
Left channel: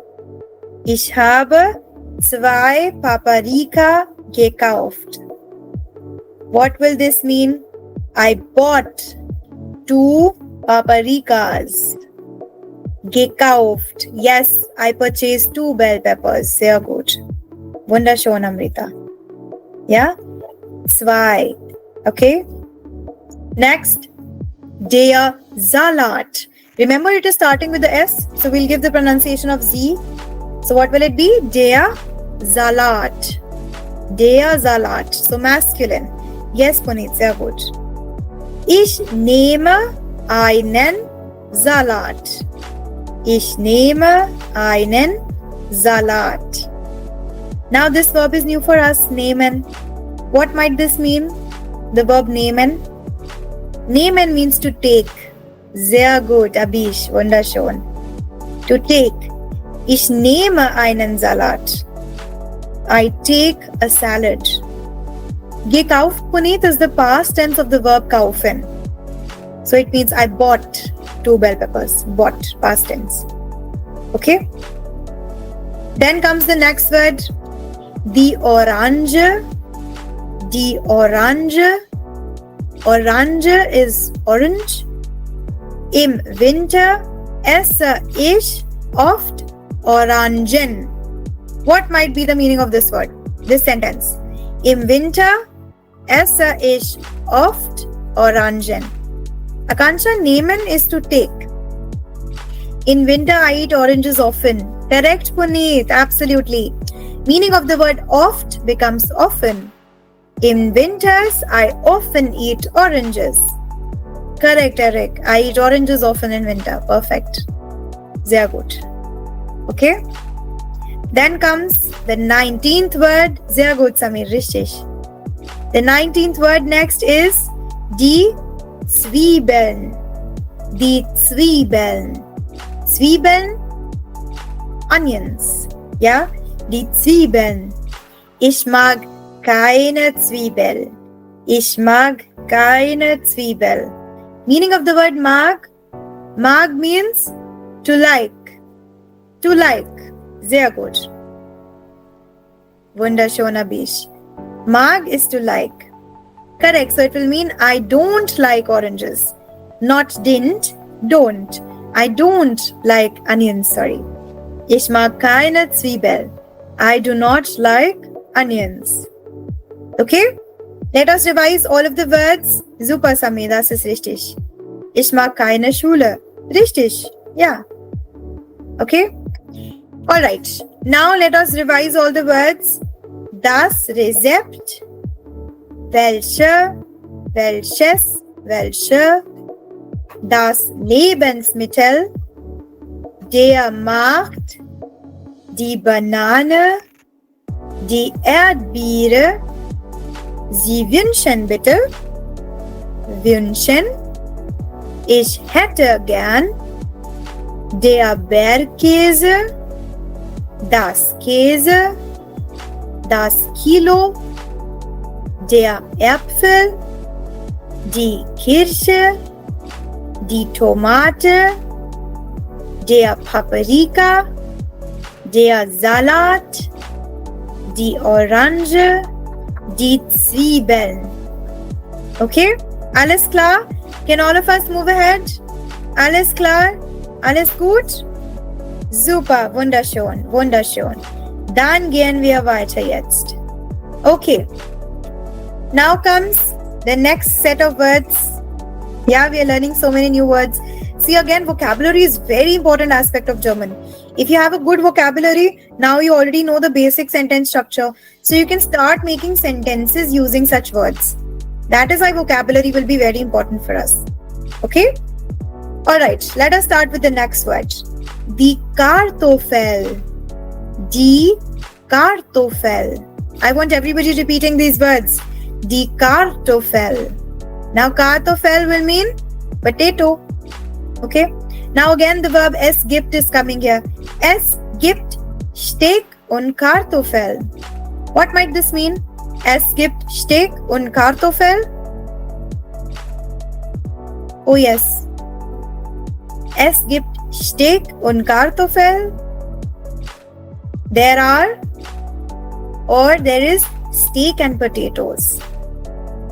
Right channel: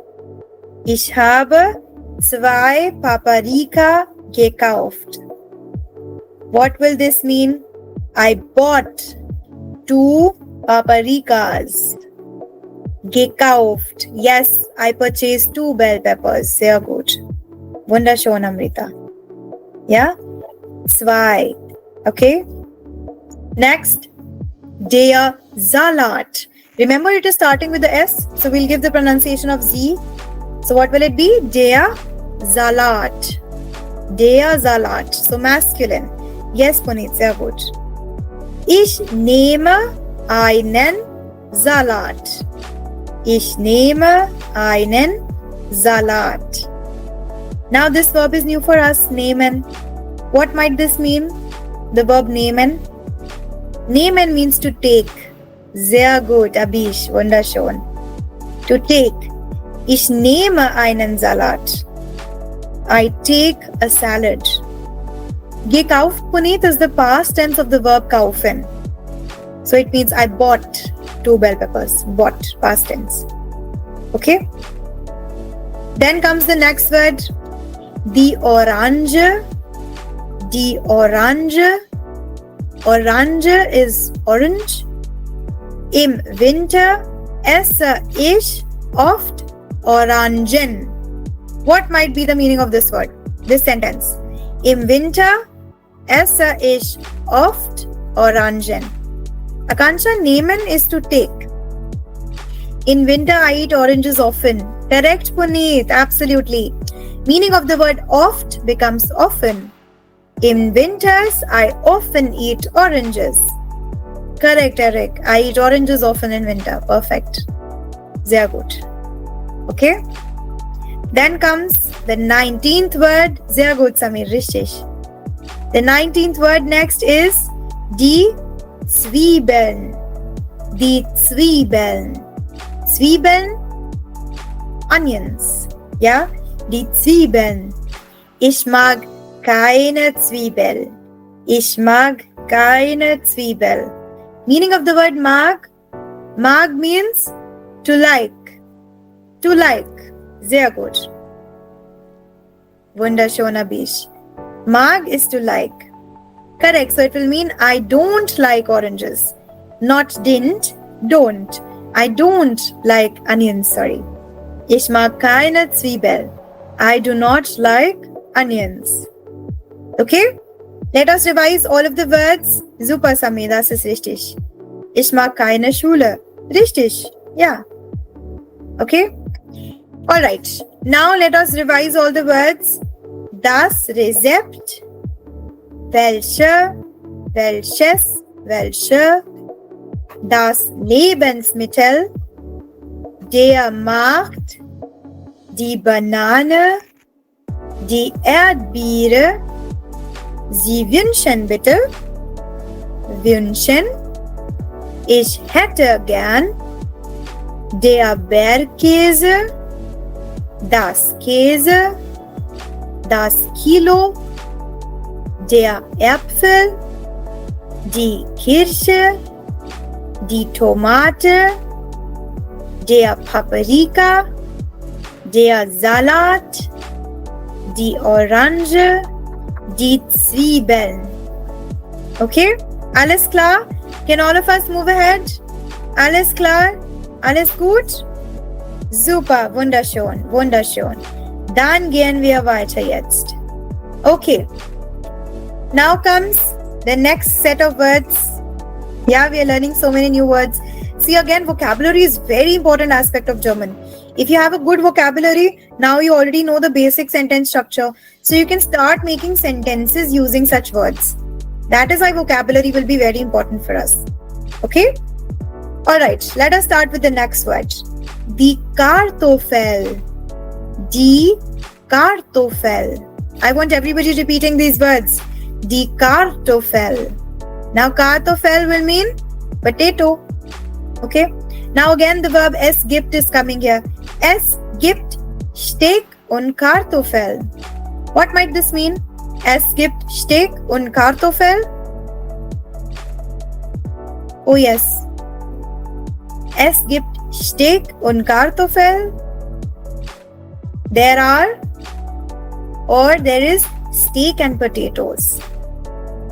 Ich habe 2 Paprika gekauft. What will this mean? I bought 2 paprikas. Gekauft. Yes, I purchased 2 bell peppers. Sehr gut. Wunderschön, Amrita. Yeah? 2. Okay? Next. Der Salat. Remember, it is starting with the S, so we'll give the pronunciation of Z. So what will it be? Der Salat. Der Salat. So masculine. Yes, Puneet, sehr gut. Ich nehme einen Salat. Ich nehme einen Salat. Now this verb is new for us, nehmen. What might this mean? The verb nehmen. Nehmen means to take. Sehr gut, Abish, wunderschön. To take. Ich nehme einen Salat. I take a salad. Gekauft, Puneet, is the past tense of the verb kaufen. So it means I bought 2 bell peppers. Bought, past tense. Okay? Then comes the next word. Die Orange. Die Orange. Orange is orange. Im Winter esse ich oft Orangen. What might be the meaning of this word? This sentence. Im Winter esse ich oft Orangen. Akansha, nehmen is to take. In winter I eat oranges often. Correct, Puneet. Absolutely. Meaning of the word oft becomes often. In winters I often eat oranges. Correct, Eric. I eat oranges often in winter. Perfect. Sehr gut. Okay? Then comes the 19th word. Sehr gut, Samir. Richtig. The 19th word next is die Zwiebeln. Die Zwiebeln. Zwiebeln? Onions. Ja? Die Zwiebeln. Ich mag keine Zwiebel. Ich mag keine Zwiebel. Meaning of the word mag? Mag means to like. To like. Sehr gut. Wunderschön, Abish. Mag is to like. Correct. So it will mean I don't like oranges. Not didn't. Don't. I don't like onions. Sorry. Ich mag keine Zwiebel. I do not like onions. Okay? Let us revise all of the words. Super, Sami, das ist richtig. Ich mag keine Schule. Richtig. Ja. Okay? Alright. Now let us revise all the words. Das Rezept. Welche. Welches. Welche. Das Lebensmittel. Der Markt. Die Banane. Die Erdbeere. Sie wünschen bitte. Wünschen. Ich hätte gern. Der Bergkäse. Das Käse. Das Kilo. Der Äpfel. Die Kirsche. Die Tomate. Der Paprika. Der Salat. Die Orange. Die Zwiebeln. Okay? Alles klar? Can all of us move ahead? Alles klar? Alles gut? Super, wunderschön, wunderschön. Dann gehen wir weiter jetzt. Okay. Now comes the next set of words. Yeah, we are learning so many new words. See, again, vocabulary is very important aspect of German. If you have a good vocabulary, now you already know the basic sentence structure. So you can start making sentences using such words. That is why vocabulary will be very important for us. Okay? Alright, let us start with the next word. Die Kartoffel. Die Kartoffel. I want everybody repeating these words. Die Kartoffel. Now Kartoffel will mean potato. Okay. Now again the verb es gibt is coming here. Es gibt Steak und Kartoffel. What might this mean? Es gibt Steak und Kartoffel. Oh yes. Es gibt Steak und Kartoffel. There is steak and potatoes.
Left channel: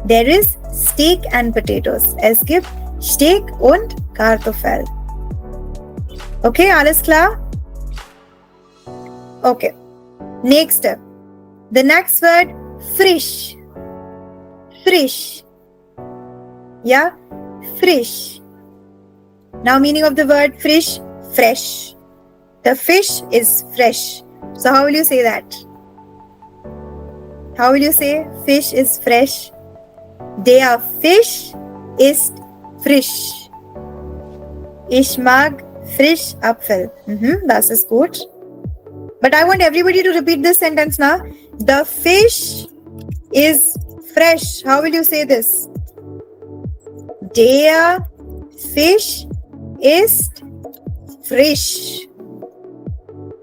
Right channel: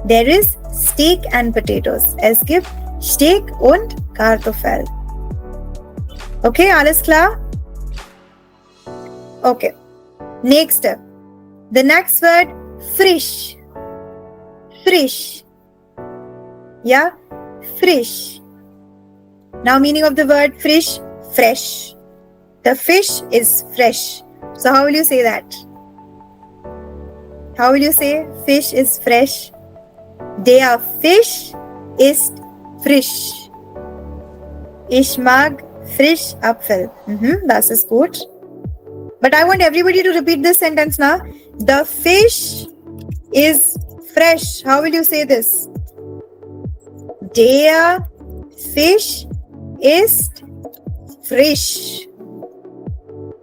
There is steak and potatoes. Es gibt Steak und Kartoffel. Okay, alles klar? Okay. Next step. The next word, frisch. Frisch. Yeah? Frisch. Now meaning of the word frisch, fresh. The fish is fresh. So how will you say that? How will you say fish is fresh? Der Fisch ist frisch. Ich mag Frischapfel. Das ist gut. But I want everybody to repeat this sentence now. The fish is fresh. How will you say this? Der Fisch ist frisch.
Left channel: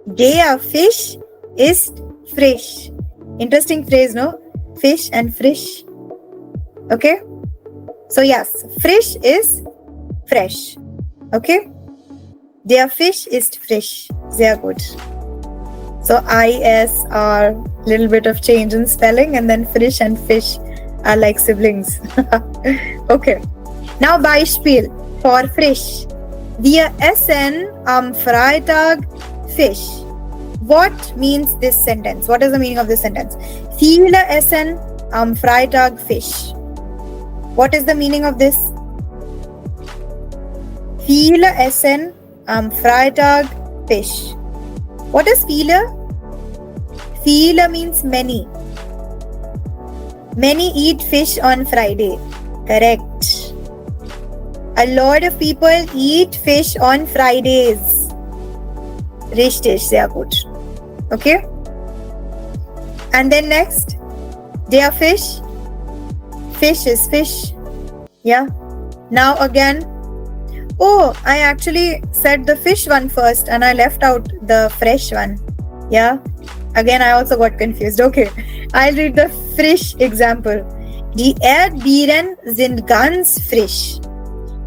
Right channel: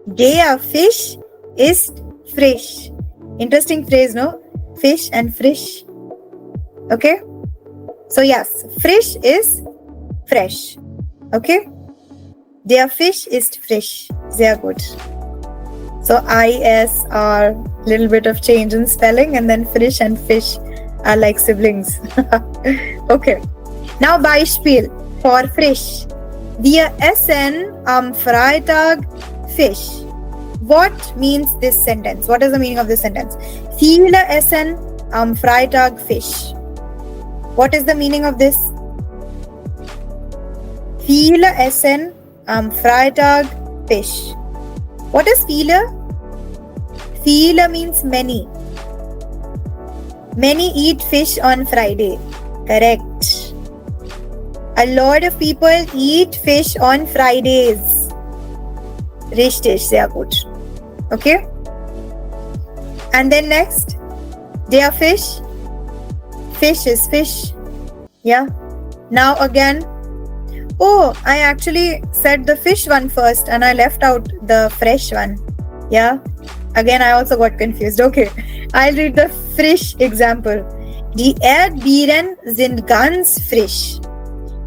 Der Fisch ist frisch. Interesting phrase, no? Fish and frisch. Okay? So yes, frisch is fresh. Okay? Der Fisch ist frisch. Sehr gut. So IS are little bit of change in spelling, and then frisch and fish are like siblings. Okay. Now Beispiel for frisch. Wir essen am Freitag Fisch. What means this sentence? What is the meaning of this sentence? Viele essen am Freitag Fisch. What is the meaning of this? Viele essen am Freitag Fisch. What is viele? Viele means many. Many eat fish on Friday. Correct. A lot of people eat fish on Fridays. Richtig, sehr gut. Okay? And then next, der Fisch. Fish is fish. Yeah. Now again. Oh, I actually said the fish one first and I left out the fresh one. Yeah. Again, I also got confused. Okay. I'll read the frisch example. Die Erdbeeren sind ganz frisch.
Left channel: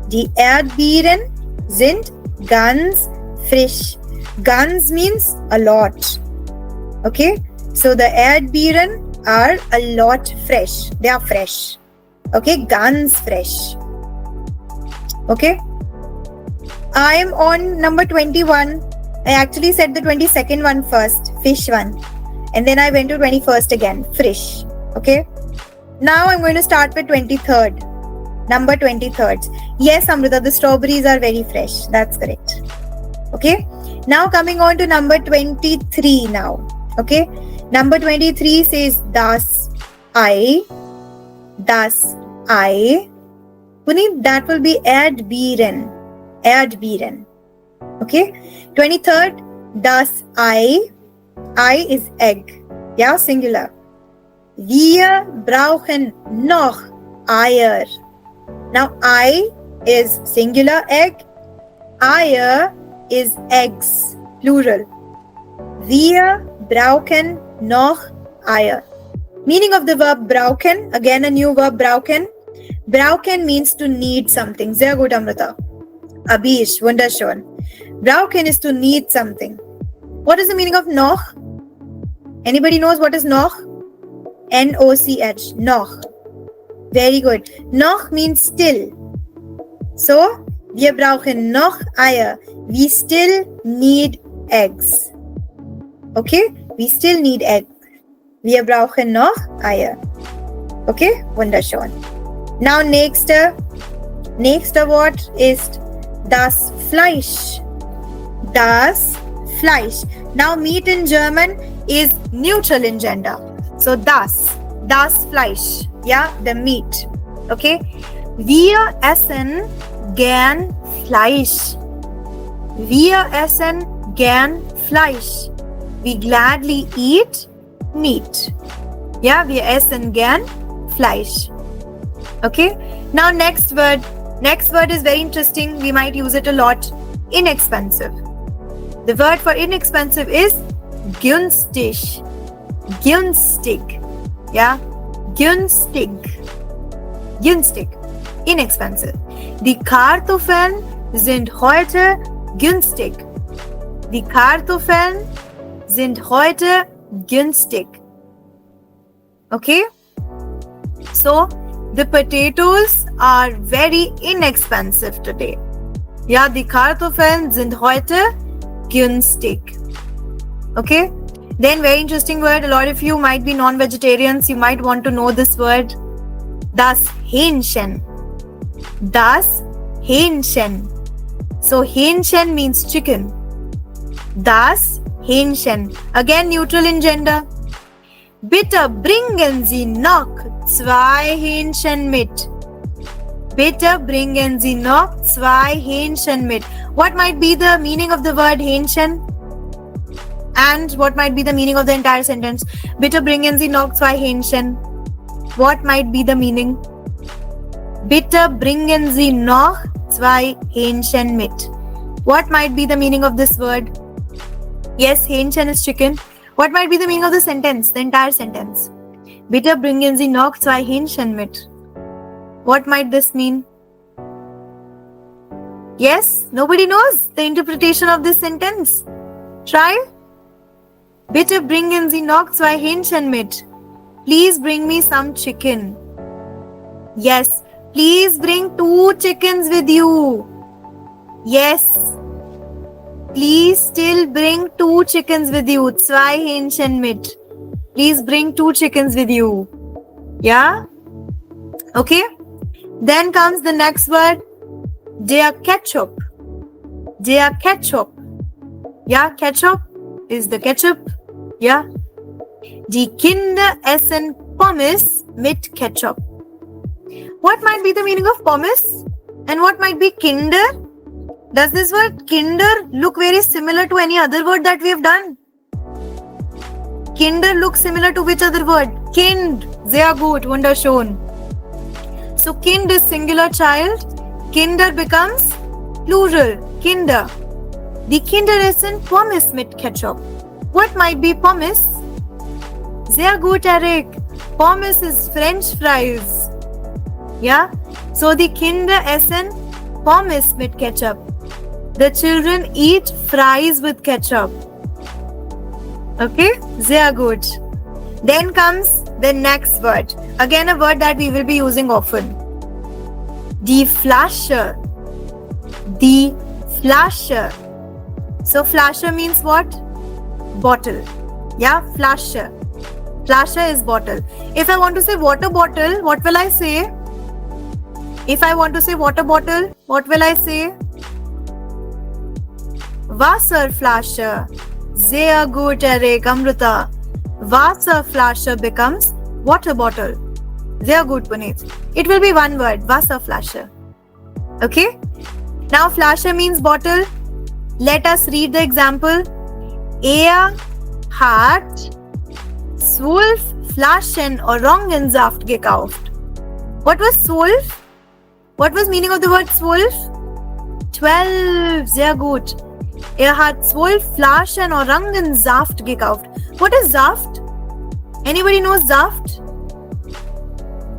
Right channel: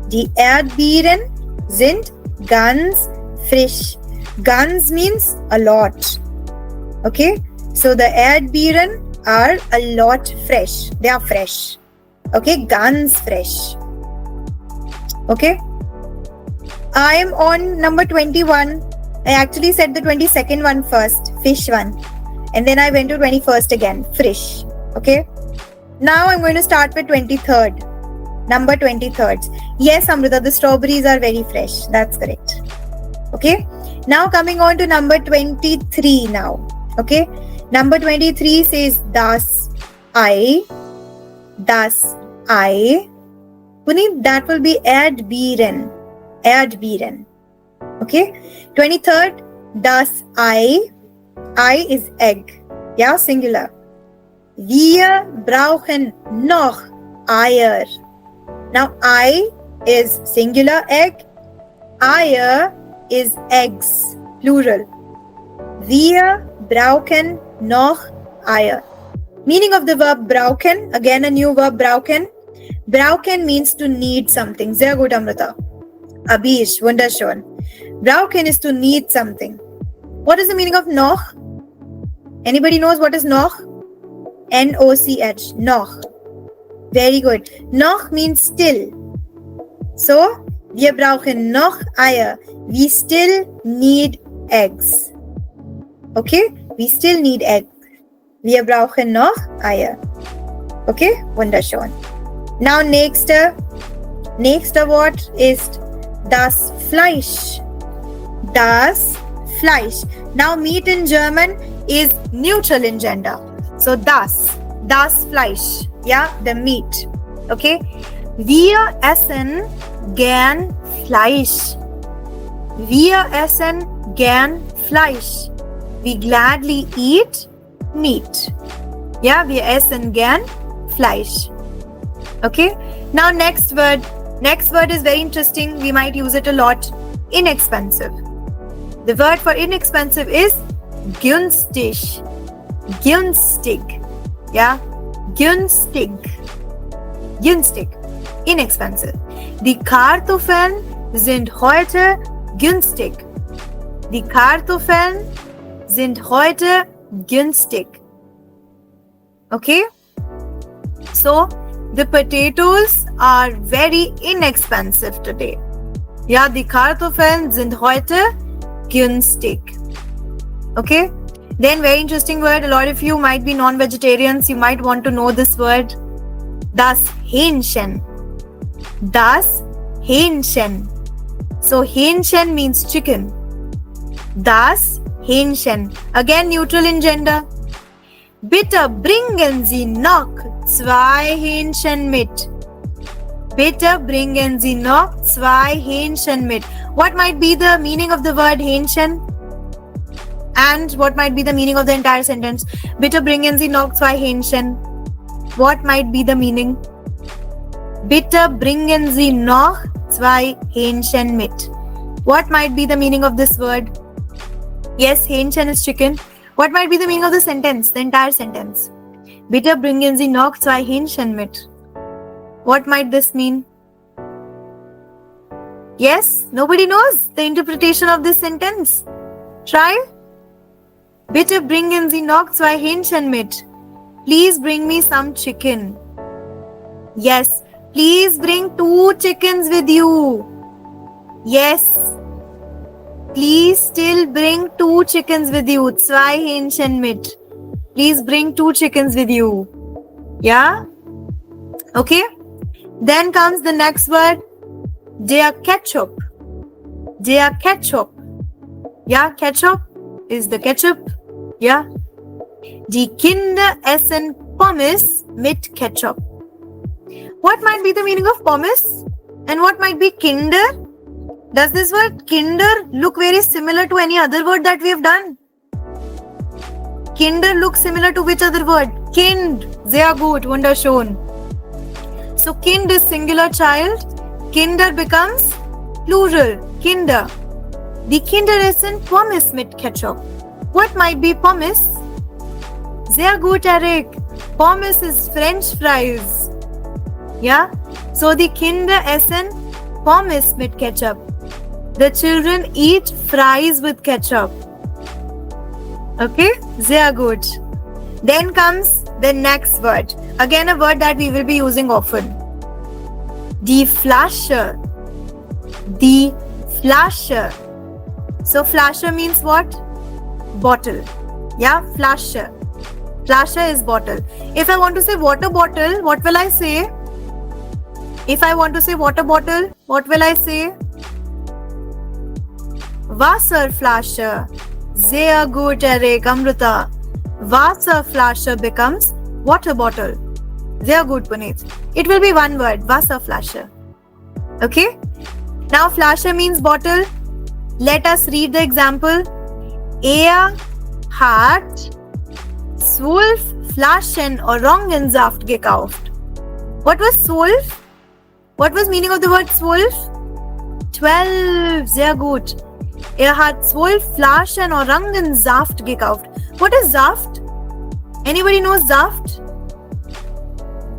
Die Erdbeeren sind ganz frisch. Ganz means a lot. Okay? So the Erdbeeren are a lot fresh. They are fresh. Okay? Ganz fresh. Okay? I am on number 21. I actually said the 22nd one first. Fish one. And then I went to 21st again. Frisch. Okay? Now I'm going to start with 23rd. Number 23rd. Yes, Amrita, the strawberries are very fresh. That's correct. Okay? Now coming on to number 23 now. Okay? Number 23 says das Ei. Das Ei. Puneet, that will be Erdbeeren. Erdbeeren. Okay? 23rd, das Ei. Ei is egg. Yeah, singular. Wir brauchen noch Eier. Now, Ei is singular egg. Eier is eggs, plural. Wir brauchen noch Eier. Meaning of the verb brauchen, again a new verb brauchen. Brauchen means to need something. Sehr gut, Amrita. Abish, wunderschön. Brauchen is to need something. What is the meaning of noch? Anybody knows what is noch? N-O-C-H. Noch. Very good. Noch means still. So, wir brauchen noch Eier. We still need eggs. Okay? We still need eggs. Wir brauchen noch Eier. Okay? Wunderschön. Now nächster Wort ist das Fleisch. Das Fleisch. Now meat in German is neutral gender. So das Fleisch. Yeah, and meat. Okay? Wir essen gern Fleisch. Wir essen gern Fleisch. We gladly eat meat. Yeah, wir essen gern Fleisch. Okay? Now next word, Next word is very interesting. We might use it a lot. Inexpensive. The word for inexpensive is günstig. Günstig. Yeah? Günstig. Günstig. Inexpensive. Die Kartoffeln sind heute günstig. Die Kartoffeln sind heute günstig. Okay? So, the potatoes are very inexpensive today. Ja, die Kartoffeln sind heute günstig. Okay? Then very interesting word. A lot of you might be non-vegetarians. You might want to know this word. Das Hähnchen. Das Hähnchen. So Hähnchen means chicken. Das Hähnchen. Again neutral in gender. Bitte bringen Sie noch 2 Hähnchen mit. Bitte bringen Sie noch 2 Hähnchen mit. What might be the meaning of the word Hähnchen? And what might be the meaning of the entire sentence? Bitte bringen Sie noch 2 Hähnchen. What might be the meaning? Bitte bringen Sie noch 2 Hähnchen mit. What might be the meaning of this word? Yes, Hähnchen is chicken. What might be the meaning of the sentence? The entire sentence. Bitte bringen Sie noch 2 Hähnchen mit. What might this mean? Yes, nobody knows the interpretation of this sentence. Try. Bitte bringen Sie noch 2 Hähnchen mit. Please bring me some chicken. Yes, please bring 2 chickens with you. Yes. Please still bring 2 chickens with you. 2 Hähnchen mit. Please bring 2 chickens with you. Yeah? Okay? Then comes the next word. Der Ketchup. Der Ketchup. Yeah, ketchup is the ketchup. Yeah. Die Kinder essen Pommes mit Ketchup. What might be the meaning of pommes? And what might be Kinder? Does this word Kinder look very similar to any other word that we have done? Kinder looks similar to which other word? Kind. Sehr gut. Wunderschön. So Kind is singular child. Kinder becomes plural. Kinder. Die Kinder essen Pommes mit Ketchup. What might be pommes? Sehr gut, Arik. Pommes is French fries. Yeah? So the Kinder essen Pommes mit Ketchup. The children eat fries with ketchup. Okay? Sehr gut. Then comes the next word. Again a word that we will be using often. Die Flasche. Die Flasche. So Flasche means what? Bottle. Yeah? Flasche. Flasche is bottle. If I want to say water bottle, what will I say? If I want to say water bottle, what will I say? Wasserflasche. Sehr gut, Erik, Amrita. Wasserflasche becomes water bottle. Sehr gut, Puneet. It will be one word, Wasserflasche. Okay? Now, Flasche means bottle. Let us read the example. Er hat 12 Flaschen Orangensaft gekauft. What was 12? What was meaning of the word 12? 12. Sehr gut. Er hat 12 Flaschen Orangensaft gekauft. What is Saft? Anybody knows Saft?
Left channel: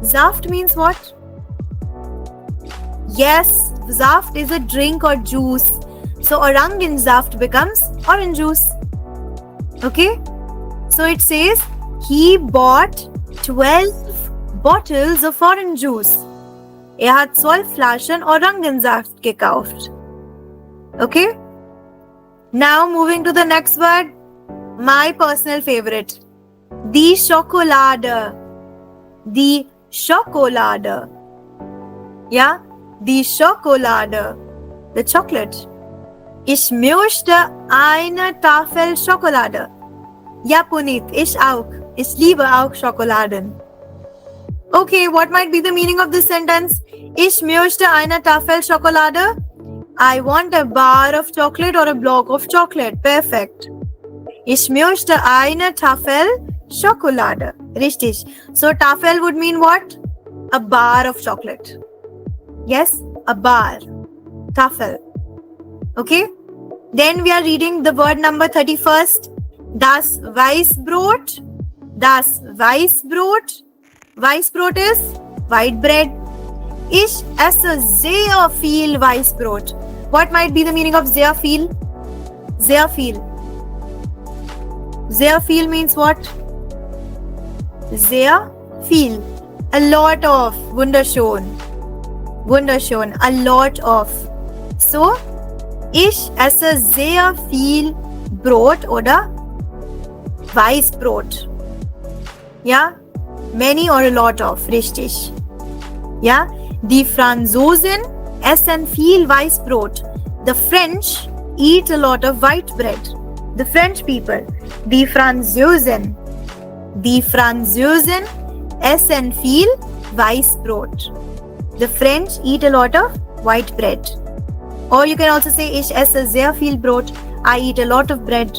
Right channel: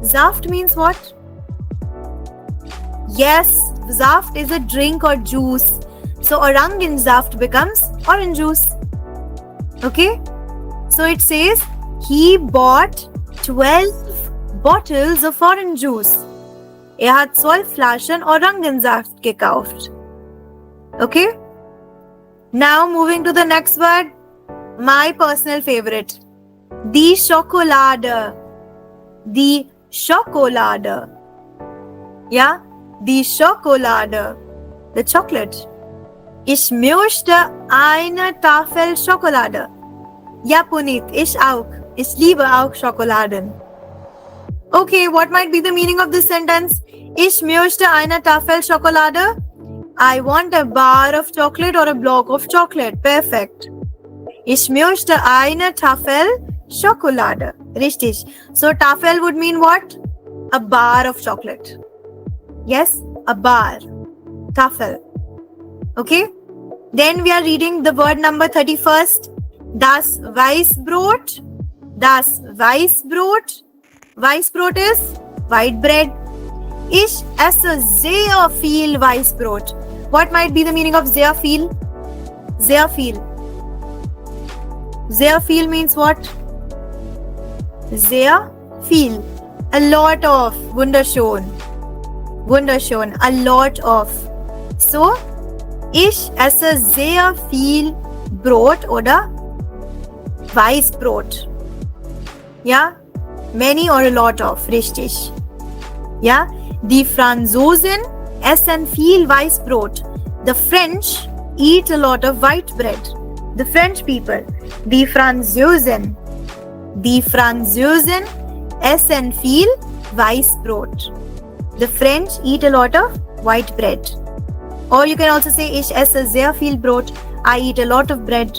Saft means what? Yes, Saft is a drink or juice. So Orangensaft becomes orange juice. Okay? So it says he bought 12 bottles of orange juice. Er hat 12 Flaschen Orangensaft gekauft. Okay? Now moving to the next word. My personal favorite. Die Schokolade. Die Schokolade. Yeah? Die Schokolade. The chocolate. Ich möchte eine Tafel Schokolade. Ja, Puneet, ich auch. Ich liebe auch Schokoladen. Okay, what might be the meaning of this sentence? Ich möchte eine Tafel Schokolade. I want a bar of chocolate or a block of chocolate. Perfect. Ich möchte eine Tafel Schokolade. Richtig. So Tafel would mean what? A bar of chocolate. Yes? a bar. Tafel. Okay. Then we are reading the word number 31st. Das Weißbrot. Das Weißbrot. Weißbrot is white bread. Ich esse sehr viel Weißbrot. What might be the meaning of sehr viel? Sehr viel. Sehr viel means what? Sehr viel. A lot of. Wunderschön. Wunderschön. A lot of. So, ich esse sehr viel Brot oder Weißbrot. Ja? Many or a lot of. Richtig. Ja? Die Franzosen essen viel Weißbrot. The French eat a lot of white bread. The French people. Die Franzosen. Die Franzosen essen viel Weißbrot. The French eat a lot of white bread. Or you can also say, ich esse sehr viel Brot. I eat a lot of bread.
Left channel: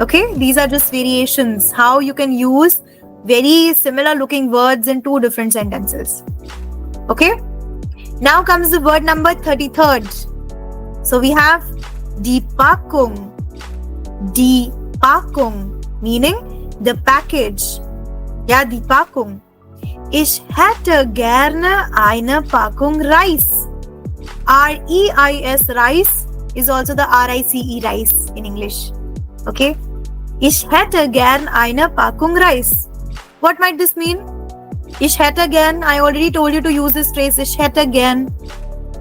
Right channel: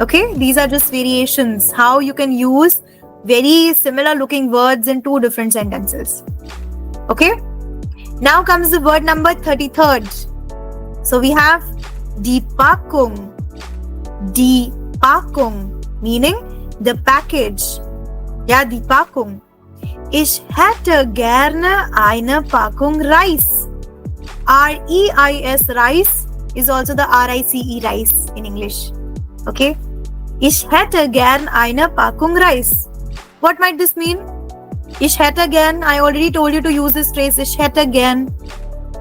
Okay, these are just variations. How you can use very similar looking words in two different sentences. Okay, now comes the word number 33rd. So we have die Packung. Die Packung, meaning the package. Ja, die Packung. Ich hätte gerne eine Packung Reis. R-E-I-S, rice, is also the R-I-C-E, rice in English. Okay? Ich hätte gern eine Packung Reis. What might this mean? Ich hätte gern, I already told you to use this phrase. Ich hätte gern.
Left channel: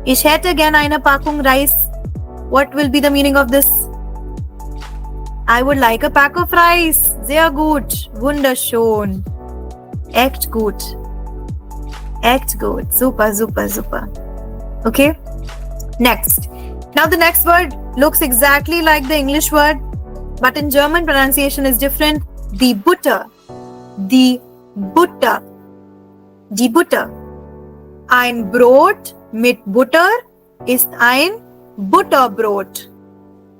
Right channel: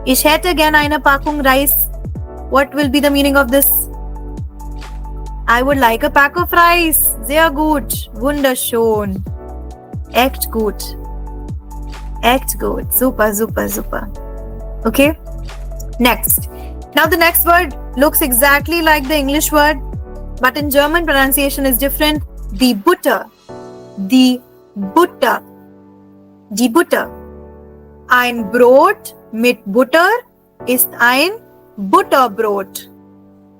Ich hätte gern eine Packung Reis. What will be the meaning of this? I would like a pack of rice. Sehr gut. Wunderschön. Echt gut. Echt gut. Super, super, super. Okay? Next. Now the next word looks exactly like the English word, but in German pronunciation is different. Die Butter. Die Butter. Die Butter. Ein Brot mit Butter ist ein Butterbrot.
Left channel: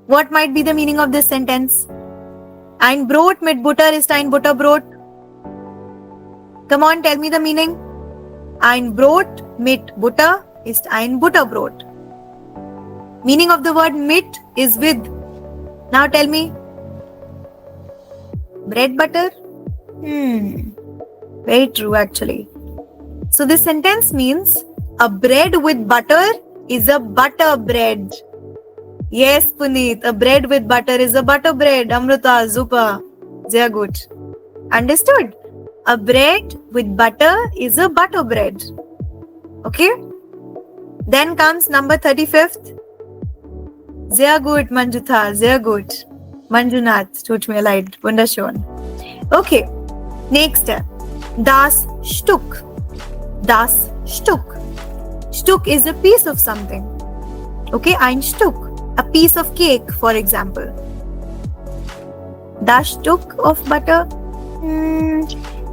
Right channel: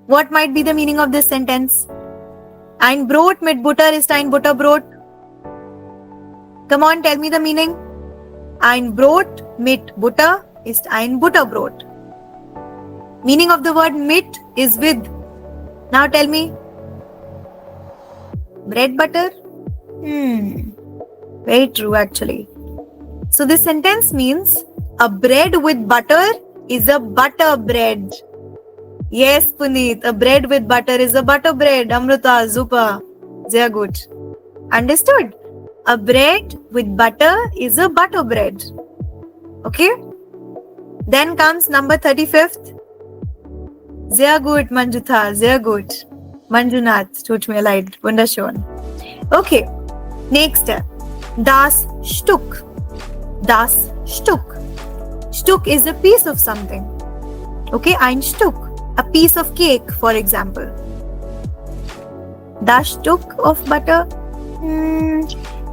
What might be the meaning of this sentence? Ein Brot mit Butter ist ein Butterbrot. Come on, tell me the meaning. Ein Brot mit Butter ist ein Butterbrot. Meaning of the word mit is with. Now tell me. Bread butter? Very true actually. So this sentence means a bread with butter is a butter bread. Yes, Puneet, a bread with butter is a butter bread. Amrita, super. Sehr gut. Understood? A bread with butter is a butter bread. Okay? Then comes number 35th. Sehr gut, Manjuta. Sehr gut. Manjunath, tut mir leid. Wunderschön. Okay. Next. Das Stück. Das Stück. Stück is a piece of something. Okay, ein Stück. A piece of cake, for example. Das Stück of butter?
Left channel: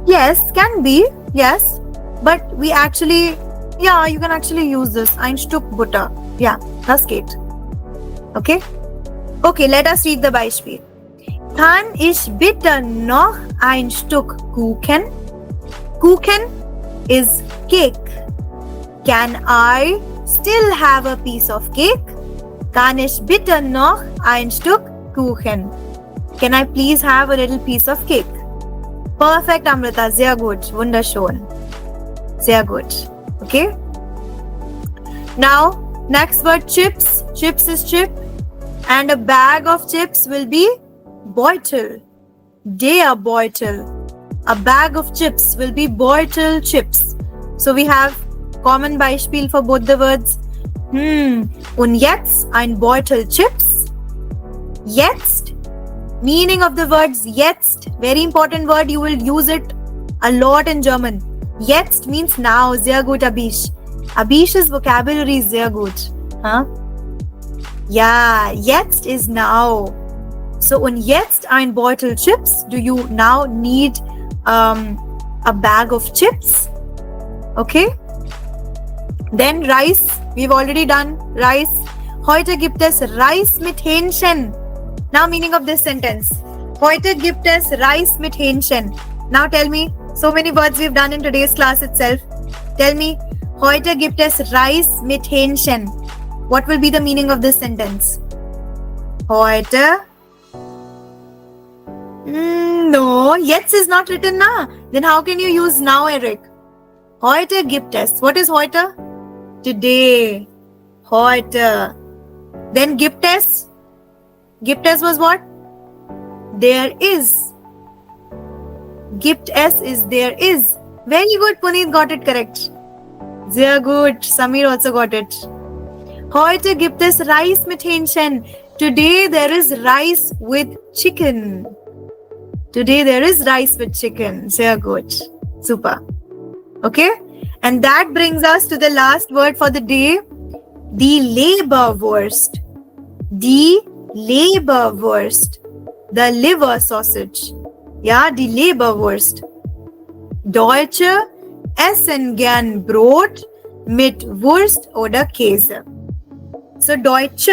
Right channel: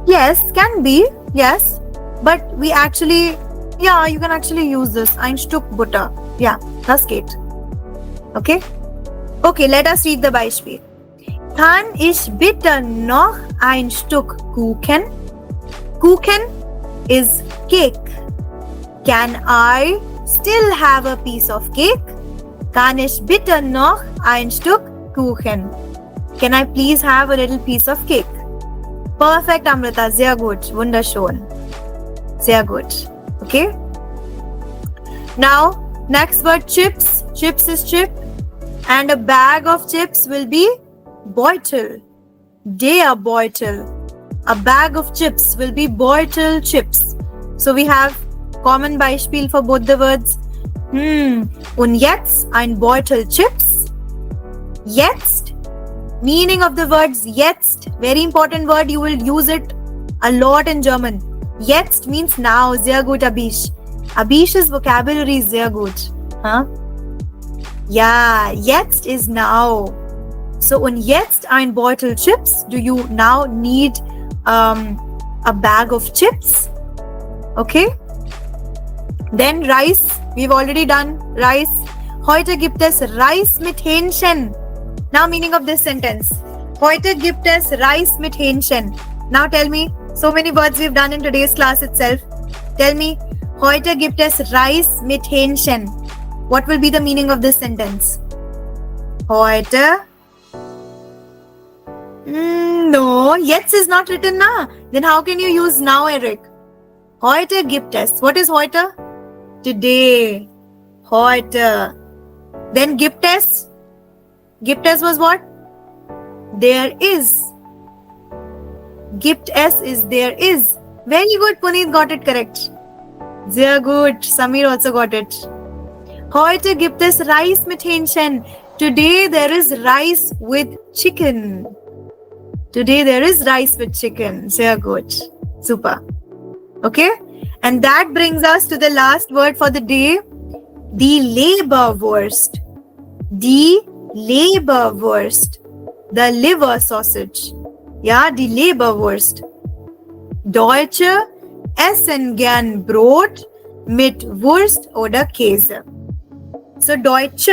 Yes, can be. Yes. But we actually, yeah, you can actually use this. Ein Stück Butter. Yeah, das geht. Okay? Okay, let us read the Beispiel. Kann ich bitte noch ein Stück Kuchen? Kuchen is cake. Can I still have a piece of cake? Kann ich bitte noch ein Stück Kuchen? Can I please have a little piece of cake? Perfect, Amrita. Sehr gut. Wunderschön. Sehr gut. Okay? Now, next word chips. Chips is chip. And a bag of chips will be Beutel. Der Beutel. A bag of chips will be Beutel chips. So we have common Beispiel for both the words. Und jetzt ein Beutel Chips. Jetzt. Meaning of the words jetzt. Very important word. You will use it a lot in German. Jetzt means now. Sehr gut, Abish. Abish's vocabulary is sehr gut. Huh? Yeah, jetzt is now. So, und jetzt ein Beutel Chips. Do you now need a bag of chips? Okay. Then Reis. We've already done Reis. Heute gibt es Reis mit Hähnchen. Now meaning of this sentence. Heute gibt es Reis mit Hähnchen. Now tell me, so many words we've done in today's class itself. Tell me, Heute gibt es Reis mit Hähnchen. What will be the meaning of this sentence? Heute. No, jetzt is not written na. Then how can you use now, Eric? Heute gibt es. What is heute? Today. Heute. Then gibt es. Gibt es was what? There is. Gibt es is there is. Very good, Puneet got it correct. Sehr good. Samir also got it. Heute gibt es Reis mit Hähnchen. Today there is rice with chicken. Today there is rice with chicken. Sehr good. Super. Okay? And that brings us to the last word for the day. Die Leberwurst. Die Leberwurst. The liver sausage. Ja, die Leberwurst. Deutsche essen gern Brot mit Wurst oder Käse. So Deutsche,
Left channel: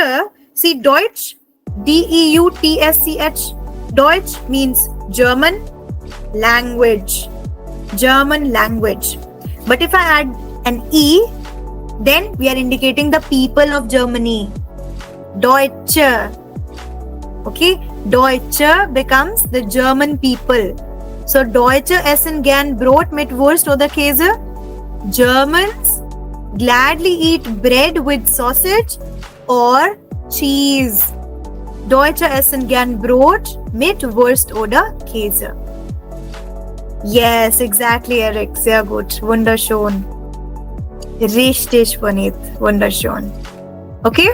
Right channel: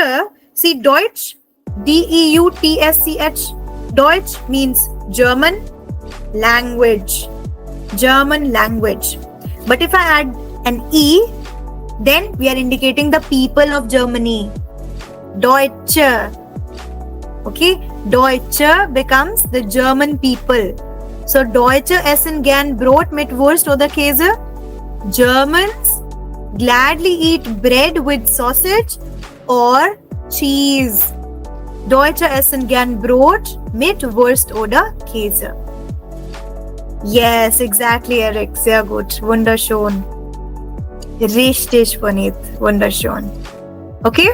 see Deutsch, D-E-U-T-S-C-H. Deutsch means German language. German language. But if I add an E, then we are indicating the people of Germany. Deutsche. Okay, Deutsche becomes the German people. So Deutsche essen gern Brot mit Wurst oder Käse. Germans gladly eat bread with sausage or cheese. Deutsche essen gern Brot mit Wurst oder Käse. Yes, exactly, Eric. Sehr gut. Wunderschön. Richtig, Puneet. Wunderschön. Okay?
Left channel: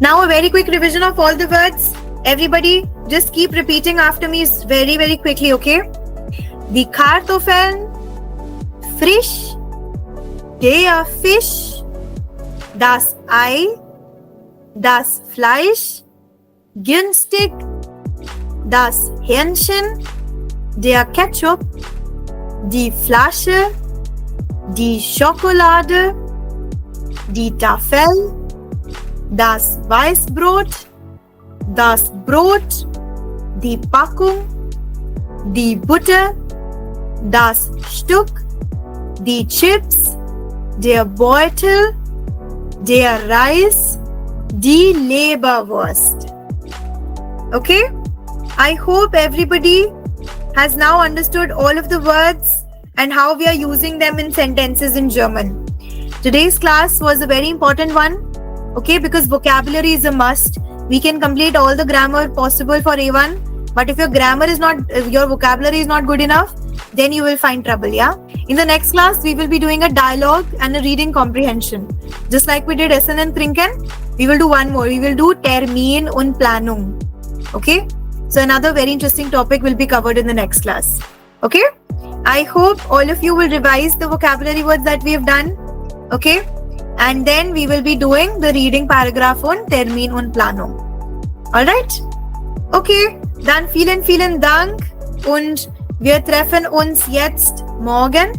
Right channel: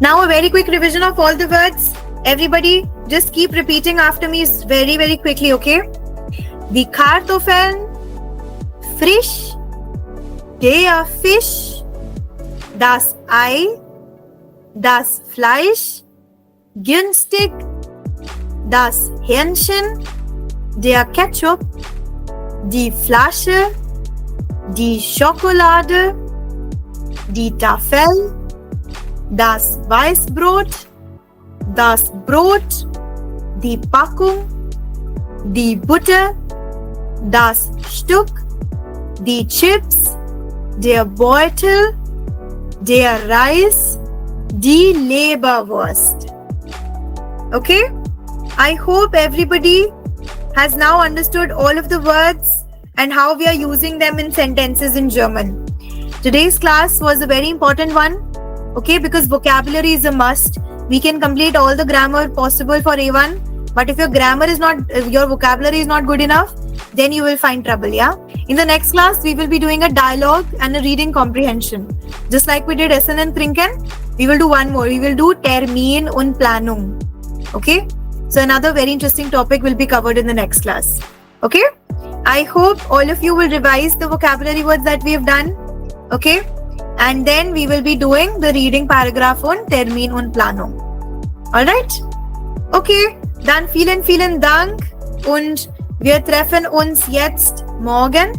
Now a very quick revision of all the words. Everybody, just keep repeating after me very, very quickly, okay? Die Kartoffeln, frisch, der Fisch, das Ei, das Fleisch, günstig, das Hähnchen, der Ketchup, die Flasche, die Schokolade, die Tafel, das Weißbrot, das Brot, die Packung, die Butter, das Stück, die Chips, der Beutel, der Reis, die Leberwurst. Okay? I hope everybody has now understood all of the words and how we are using them in sentences in German. Today's class was a very important one, okay, because vocabulary is a must. We can complete all the grammar possible for A1, but if your vocabulary is not good enough, then you will find trouble, yeah? In the next class, we will be doing a dialogue and a reading comprehension. Just like we did Essen and Trinken, we will do one more. We will do Termin und Planung. Okay? So another very interesting topic will be covered in the next class. Okay? I hope all of you will revise the vocabulary words that we have done. Okay? And then we will be doing the reading paragraph on Termin und Planung. Alright? Okay, dann vielen Dank und wir treffen uns jetzt morgen.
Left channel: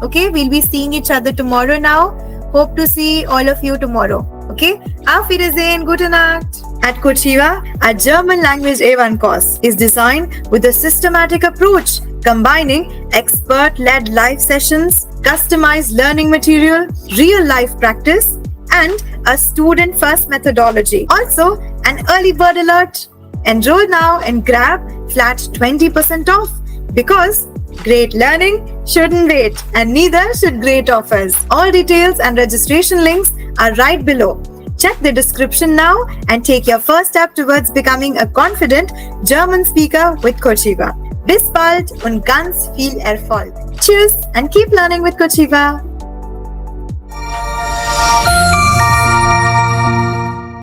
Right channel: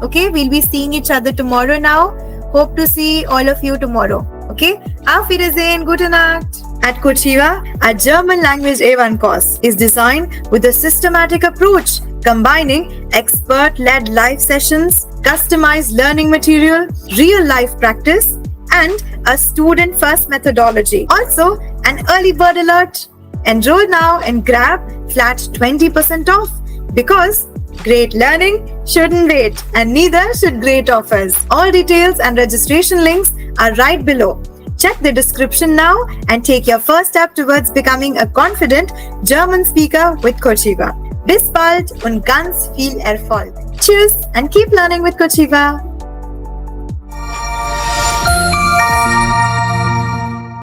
Okay, we'll be seeing each other tomorrow now. Hope to see all of you tomorrow. Okay, Auf Wiedersehen, gute Nacht. At Cochiva, our German language A1 course is designed with a systematic approach, combining expert-led live sessions, customized learning material, real-life practice, and a student-first methodology. Also, an early bird alert. Enroll now and grab flat 20% off because great learning shouldn't wait and neither should great offers. All details and registration links are right below. Check the description now and take your first step towards becoming a confident German speaker with Cochiva. Bis bald und ganz viel Erfolg. Tschüss and keep learning with Cochiva.